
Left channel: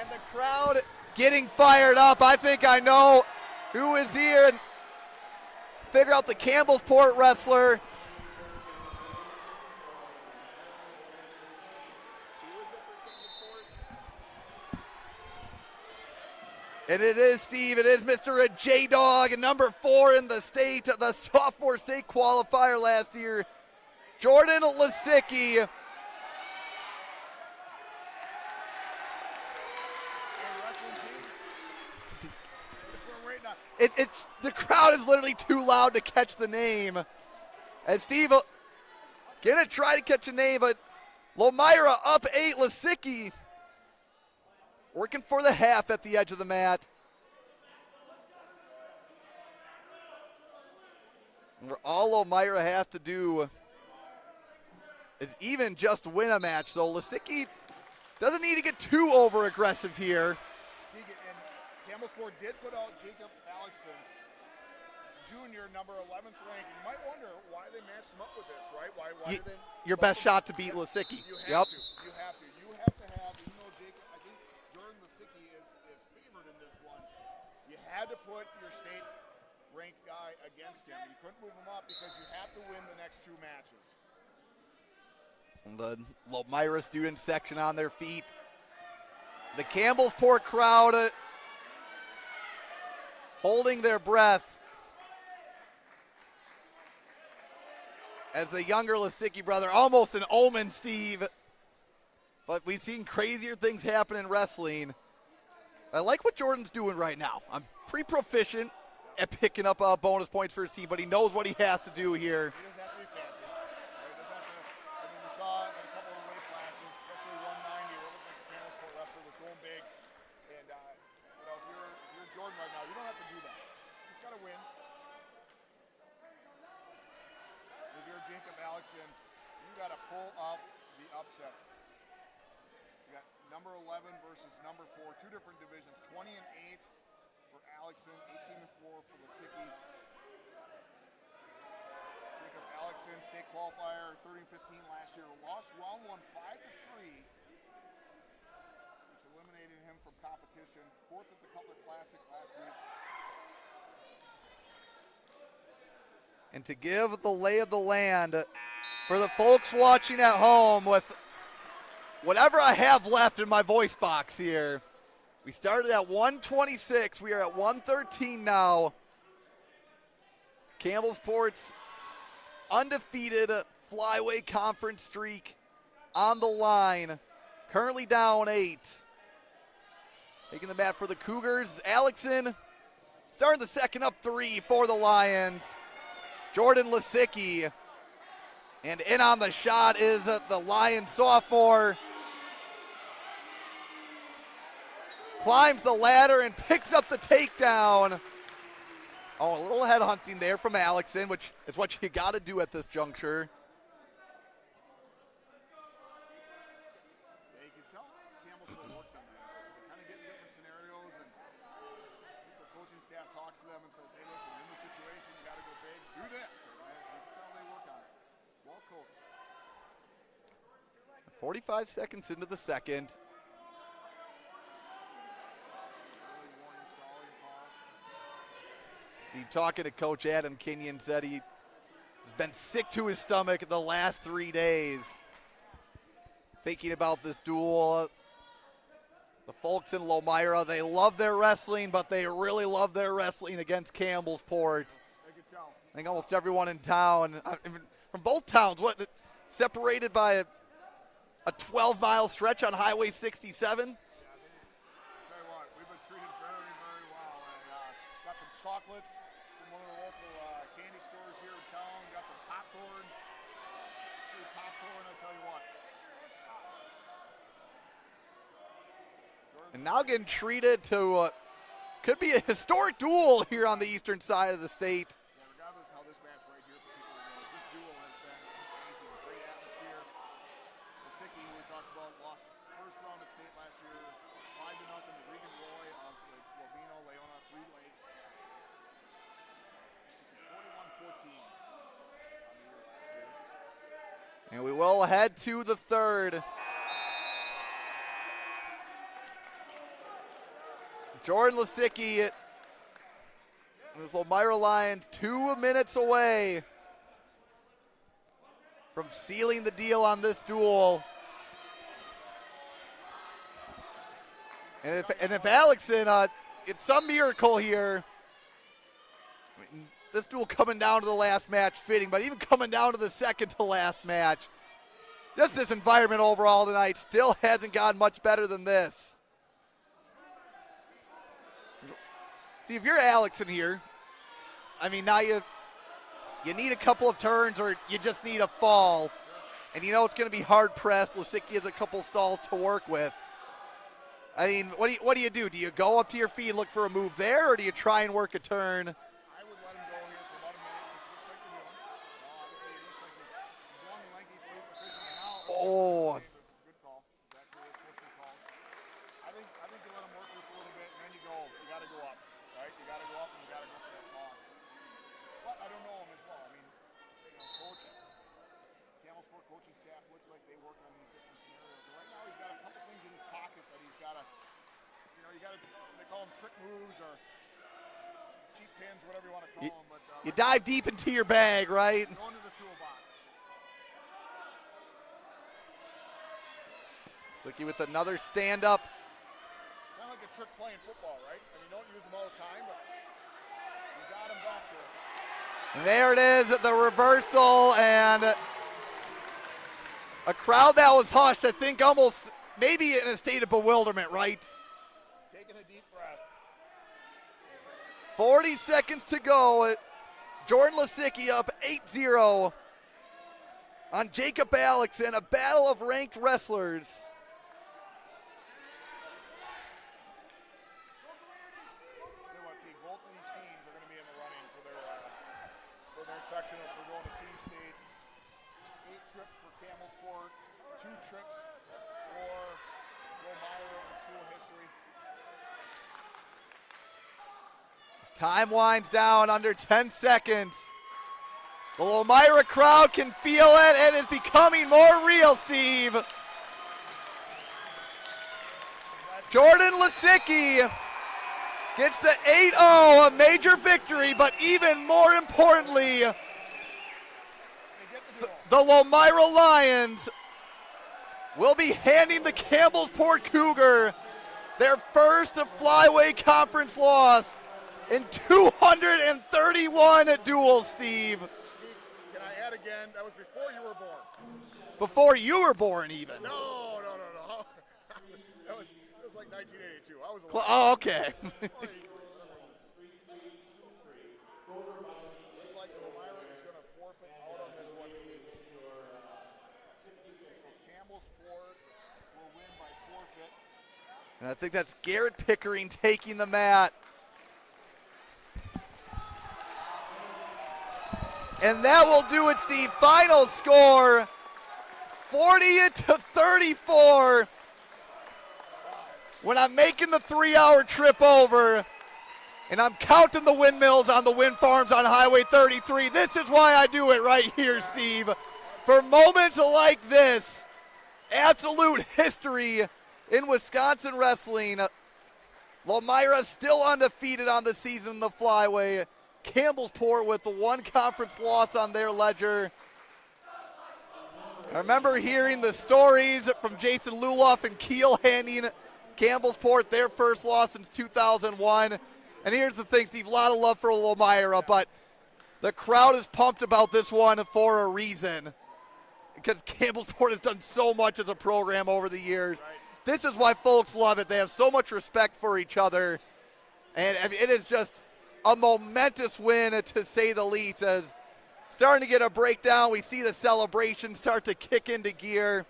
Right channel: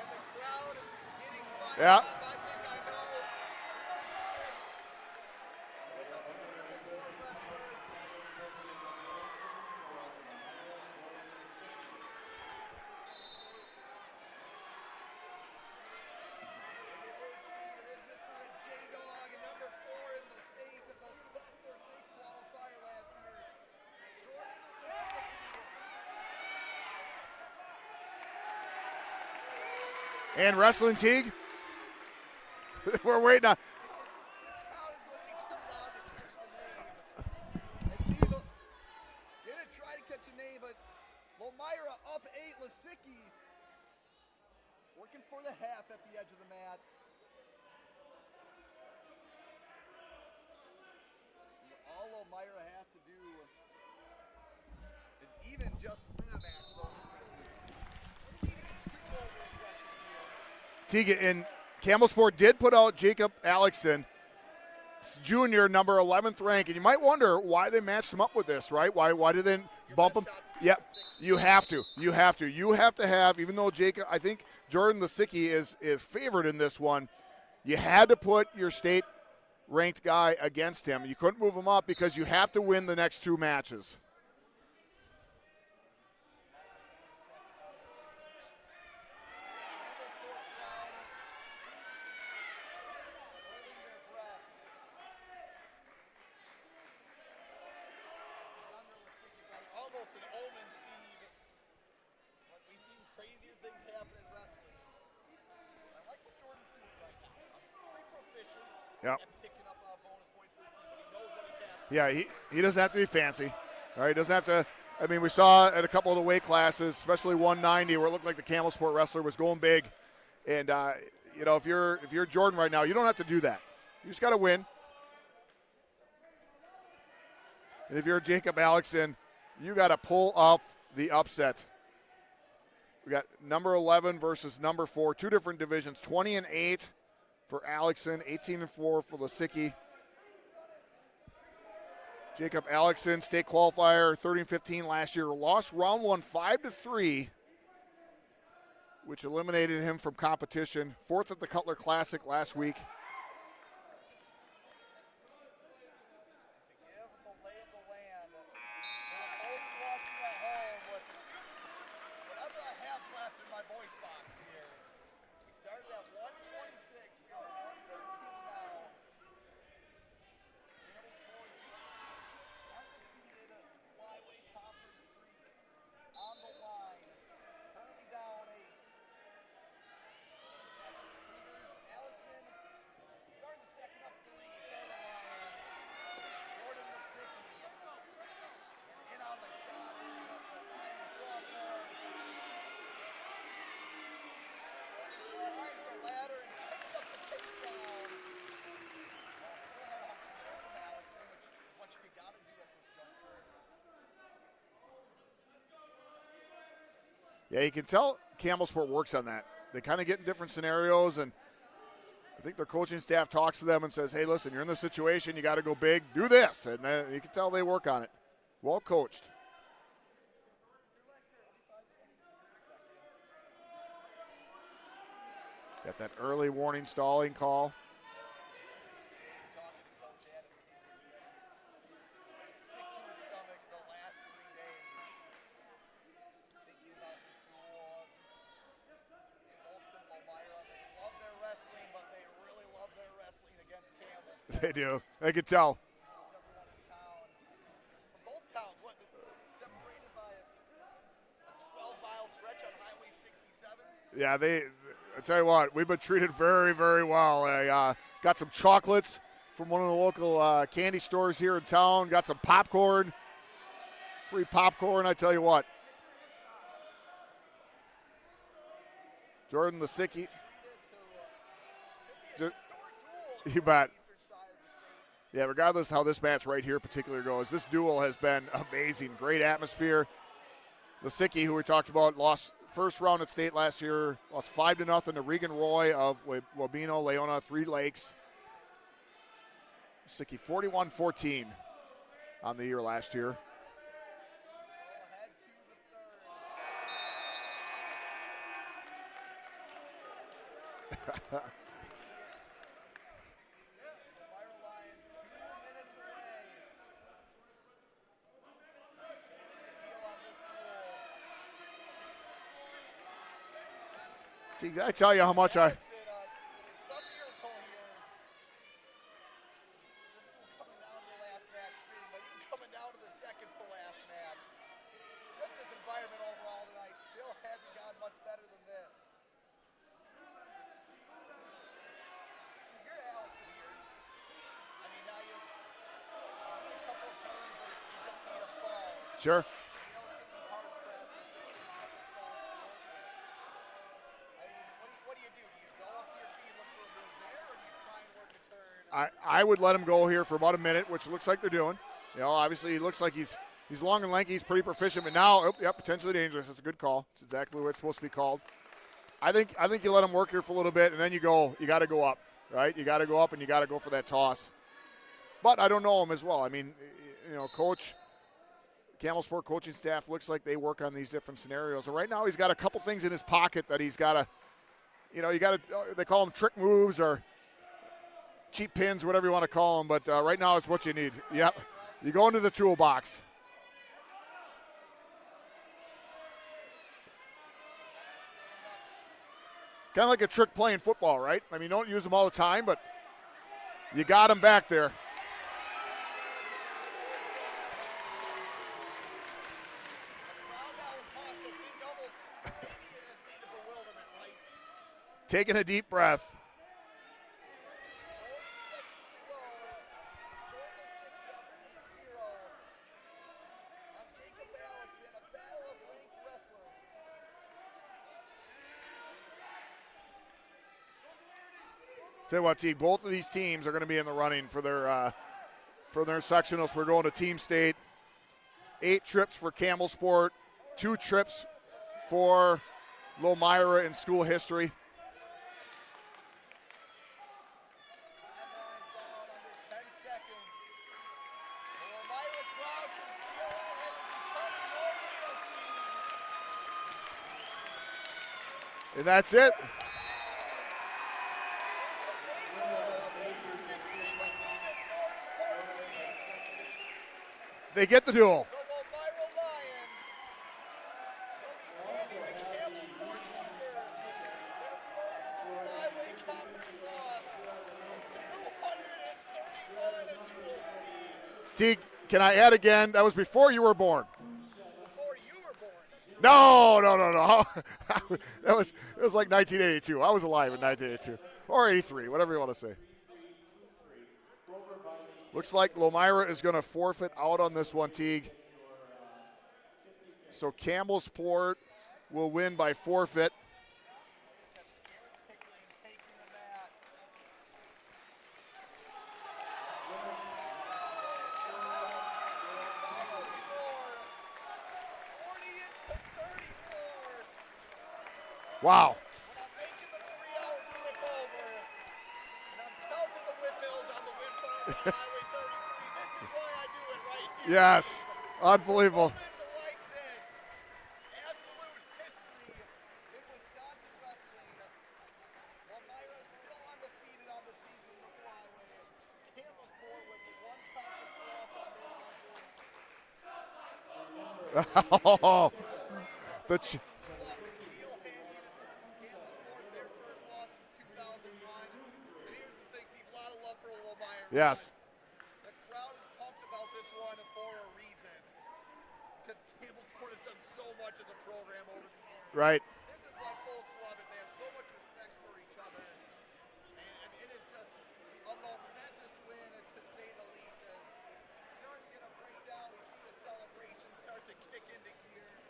And the crowd getting fired up. I think I know who is here. And figure out the Campbellsport wrestler. And it is, Steve, it is Mr. J-Dog, number 4 in the state, the sophomore state qualifier last year, Jordan Lisicki. And wrestling, Teague. We're waiting on. It's the crowd is literally too loud to catch the name. And Steve, gonna try to catch a name, but Lomira up 8, Lisicki working for the half at the edge of the mat. And all Lomira has to do is even just win a match. So Lisicki doesn't need to get too over aggressive here. Teague, and Campbellsport did put out Jacob Alexson, junior, number 11th rank, and you might wonder why they matched him up with this, right? Why did they your bump best him? shot to beat Lisicki? You have to. You have to have, even though Jacob, I think Jordan Lisicki is favored in this one, you had to put your state ranked guy against him. You couldn't move him up because you have to win the next 2 matches. The Lomira student section on their feet. The Campbellsport crowd holding their breath as the younger Lisicki brother, almost an omen, Steve. But we've seen crazier things happen in wrestling. I like what Jordan's doing right now. I'm pretty proficient at picking up bonus points for his team, but he knows what he has to do here. He doesn't have to be fancy, right? He doesn't have to. I mean, we saw at a couple of the weight classes, especially 190, where it looked like the Campbellsport wrestler was going big. And if you're Jordan right now, you don't have to do that. You just got to win. And if you're Jacob Alexson, you got to pull off the upset. We got number 11 versus number 4, 2 different divisions, 20-8 for Alexson, 18-4 for Lisicki. Jacob Alexson, state qualifier, 30-15 last year, lost round 1 5-3, which eliminated him from competition. 4th at the Cutler Classic last week. And to give the lay of the land for the folks watching at home with whatever I have left in my voice box here. We started at 126. We are at 113 now. Campbellsport's undefeated flyweight conference streak on the line. Currently down 8. Taking the mat for the Cougars. Alexson starting the second up 3 for the Lions. Jordan Lisicki. And in on the shot is the Lion sophomore. Climbs the ladder and picks up the takedown. Oh, a little head hunting there from Alexson, which is what you got to do at this juncture. Yeah, you can tell Campbellsport works on that. They kind of get in different scenarios, and I think their coaching staff talks to them and says, hey, listen, you're in this situation. You got to go big. Do this. And then you can tell they work on it. Well coached. 45 seconds into the second. Got that early warning stalling call. Steve, talking to Coach Adam Kenyon, said he's been sick to his stomach the last 3 days thinking about this duel. The folks in Lomira, they love their wrestling, but they really love their wrestling against Campbellsport. They do. They could tell. I think almost everyone in town, from both towns, separated by a 12-mile stretch on Highway 67? Yeah, I tell you what, we've been treated very, very well. I got some chocolates from one of the local candy stores here in town. Got some popcorn, free popcorn, I tell you what. Jordan now Lisicki getting treated to could be a historic duel here on the eastern side of the state. Yeah, regardless how this match right here particularly goes, this duel has been amazing. Great atmosphere. Lisicki, who we talked about, lost first round at state last year, lost 5-0 to Regan Roy of Wabino, Leona, Three Lakes. Lisicki 41-14 on the year last year. And we will head to the third. Jordan Lisicki and his Lomira Lions 2 minutes away from sealing the deal on this duel. I tell you how much. If Alexson, it's some miracle here. I mean, this duel coming down to the last match fitting, but even coming down to the second to last match, just this environment overall tonight still hasn't gotten much better than this. See, if you're Alexson here, I mean, now you need a couple of turns or you just need a fall. Sure. And you know it's going to be hard pressed. Lisicki has a couple stalls to work with. I mean, what do you do? Do you go up to your feet and look for a move there, or do you try and work a turn? I would let him go here for about a minute, which looks like they're doing. You know, obviously he looks like he's long and lanky. He's pretty proficient, but now potentially dangerous. That's a good call. It's exactly what it's supposed to be called. I think you let him work here for a little bit, and then you got to go up. Right? You got to go up and you got to go for that toss. But I don't know him as well. I mean, you know, Coach Campbellsport coaching staff looks like they work on these different scenarios. And right now he's got a couple things in his pocket that he's got to, you know, they call them trick moves or cheap pins, whatever you want to call them. But right now it's what you need. Dive deep into your bag, right? You go into the toolbox. Lisicki with another stand-up. Kind of like a trick playing football, right? I mean, you don't use them all the time, but you got him back there. And there it is, the reversal, and a crowd that was hushed, I think almost maybe in a state of bewilderment, right? Taking a deep breath. 40 seconds to go. Jordan Lisicki up 8-0 on Jacob Alexson, a battle of ranked wrestlers. Tell you what, T, both of these teams are going to be in the running for their sectionals. We're going to Team State. 8 trips for Campbellsport, 2 trips for Lomira in school history. As time winds down, under 10 seconds. The Lomira crowd can feel it, and it's becoming more real, Steve. And that's Jordan Lisicki gets the 8-0, a major victory, but even more importantly, they get the duel. The Lomira Lions will be handing the Campbellsport Cougar their first Flyway Conference loss in 231 duels, Steve. T, can I add again? That was before you were born. Before you were born, even. No. It was like 1982. I was alive. Oh, in 1982. okay. Or 83, whatever you want to say. Looks like Lomira is going to forfeit out on this one, Teague. So Campbellsport will win by forfeit. And I think that's Garrett Pickering taking the mat. And that will do it, Steve. Final score, 40-34. Wow. When I'm making the 3-hour trip over, And I'm counting the windmills on the wind farms on Highway 33. This is why I do it right here, yes. Steve. Unbelievable. For moments like this, absolute history in Wisconsin wrestling. Lomira still undefeated on the season in the flyway. Campbellsport with the one conference loss on their ledger. I remember hearing the stories from Jason Luloff and Kiel handing Campbellsport their first loss since 2001. And here's the thing, Steve, a lot of love for Lomira, yes. but the crowd is pumped about this one for a reason. Because Campbellsport has done so much as a program over the years. Right. This is why folks love it. They have so much respect for each other. And it is just a momentous win, to say the least. As starting to get a breakdown, we see the celebration start to kick into gear.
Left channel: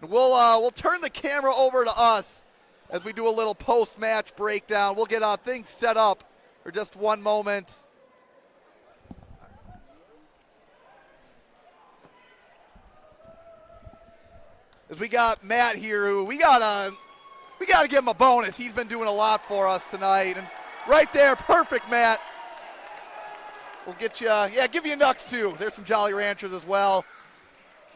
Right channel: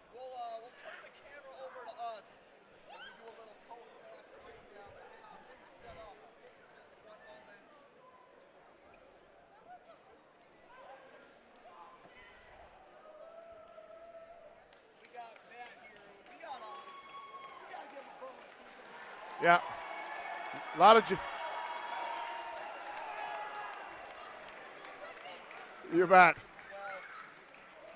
And we'll turn the camera over to us as we do a little post-match breakdown. We'll get things set up for just one moment. As we got Matt here, who we gotta give him a bonus. He's been doing a lot for us tonight. And right there, perfect, Matt. We'll get you, give you a Nux too. There's some Jolly Ranchers as well.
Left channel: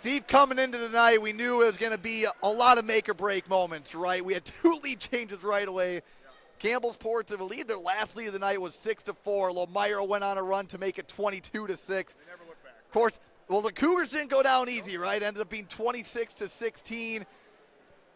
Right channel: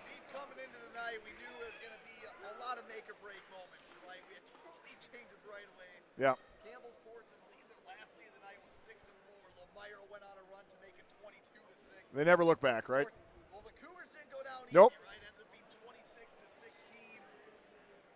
Steve, coming into tonight, we knew it was going to be a lot of make-or-break moments, right? We had 2 lead changes right away. Yeah. Campbellsport to the lead. Their last lead of the night was 6-4. Lomira went on a run to make it 22-6. They never look back, right? Of course, well, the Cougars didn't go down easy, right? Ended up being 26-16,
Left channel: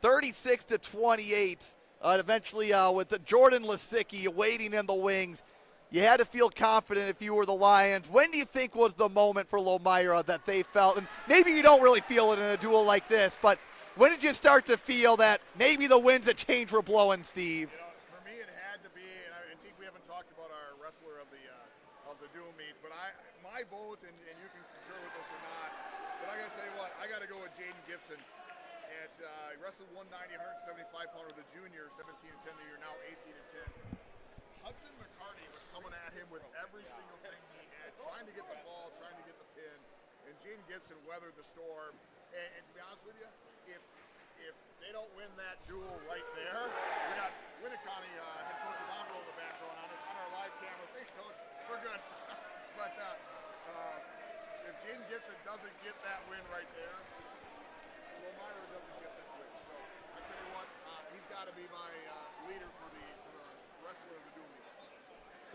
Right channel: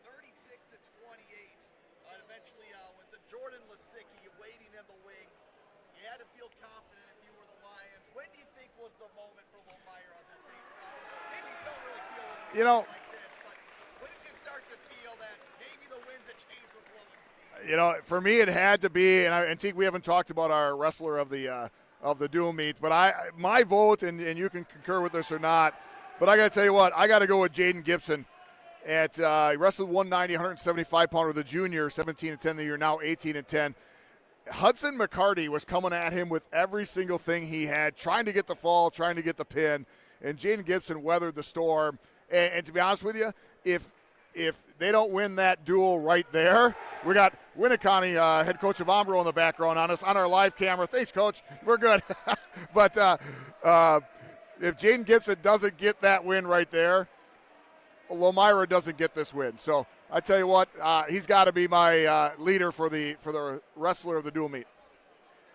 36-28. Eventually, with the Jordan Lisicki waiting in the wings, you had to feel confident if you were the Lions. When do you think was the moment for Lomira that they felt, and maybe you don't really feel it in a duel like this, but when did you start to feel that maybe the winds of change were blowing, Steve? For me it had to be, and Teague, we haven't talked about our wrestler of the dual meet, but my vote, and you can concur with this or not, but I got to tell you what, I got to go with Jaden Gibson. He wrestled 190, 175-pounder, the junior, 17-10 the year, now 18-10. Hudson McCarty was coming at him with every single thing he had, trying to get the fall, trying to get the pin, and Jaden Gibson weathered the storm. And to be honest with you, if they don't win that duel right there, we got Winnicott, head coach of Ombro, in the background on us on our live camera. Thanks, Coach. We're good. But if Jaden Gibson doesn't get that win right there, Lomira doesn't get this win. So I tell you what, he's got to be my leader for the wrestler of the dual meet.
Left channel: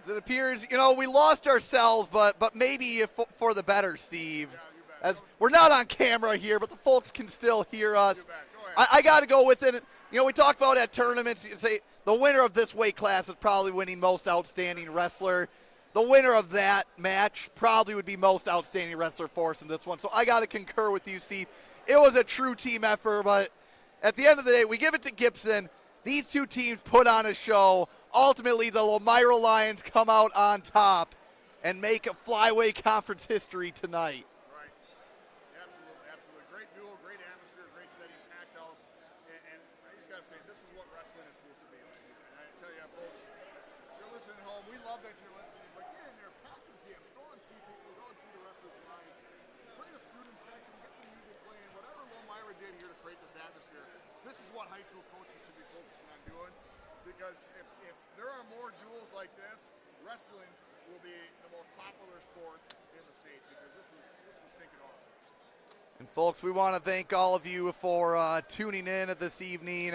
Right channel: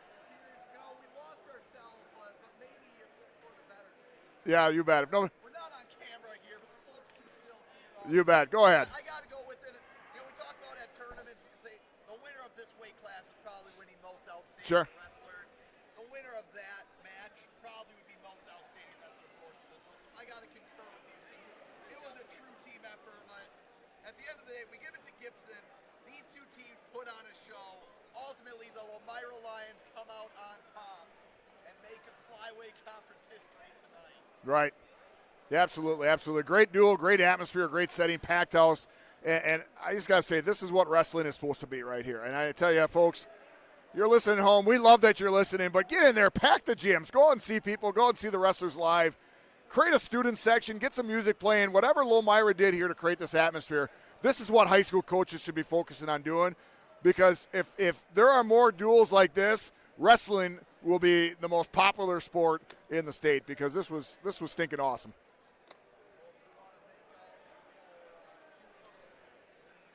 As it appears, we lost ourselves, but maybe for the better, Steve. Yeah, you bet. We're not on camera here, but the folks can still hear us. You bet. Go ahead. I got to go with it. We talk about at tournaments, you say the winner of this weight class is probably winning most outstanding wrestler. The winner of that match probably would be most outstanding wrestler for us in this one. So I got to concur with you, Steve. It was a true team effort, but at the end of the day, we give it to Gibson. These two teams put on a show. Ultimately, the Lomira Lions come out on top and make a flyway conference history tonight. Right. Yeah, absolutely, absolutely. Great duel, great atmosphere, great setting, packed house. And I just got to say, this is what wrestling is supposed to be right here. And I tell you, folks, you're listening at home. We love that you're listening, but get in there, pack the gyms. Go and see people. Go and see the wrestlers live. Create a student section, get some music playing, whatever Lomira did here to create this atmosphere. This is what high school coaches should be focusing on doing, because if there are more duels like this, wrestling will be the most popular sport in the state, because this was stinking awesome. And folks, we want to thank all of you for tuning in this evening.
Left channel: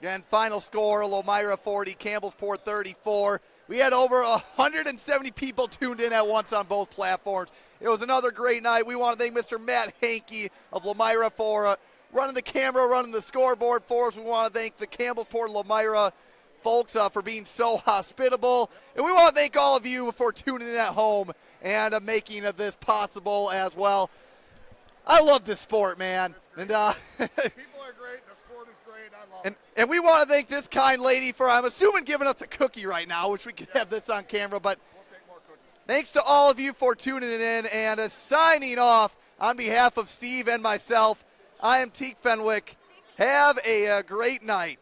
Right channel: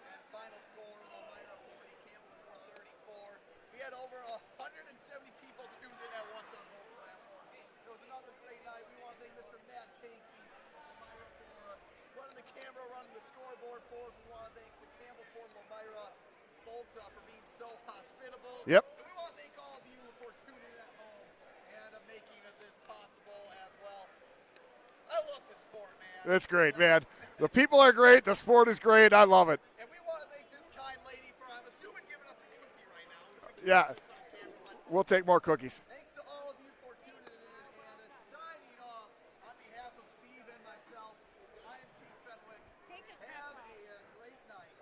Again, final score, Lomira 40, Campbellsport 34. We had over 170 people tuned in at once on both platforms. It was another great night. We want to thank Mr. Matt Hankey of Lomira for running the camera, running the scoreboard for us. We want to thank the Campbellsport Lomira folks for being so hospitable. Yep. And we want to thank all of you for tuning in at home and making this possible as well. I love this sport, man. It's great, man. The people are great. The sport is great. I love it. And we want to thank this kind lady for, I'm assuming, giving us a cookie right now, which we can have this on camera. But we'll take more cookies. Thanks to all of you for tuning in. And signing off on behalf of Steve and myself, I am Teague Fenwick. Have a great night.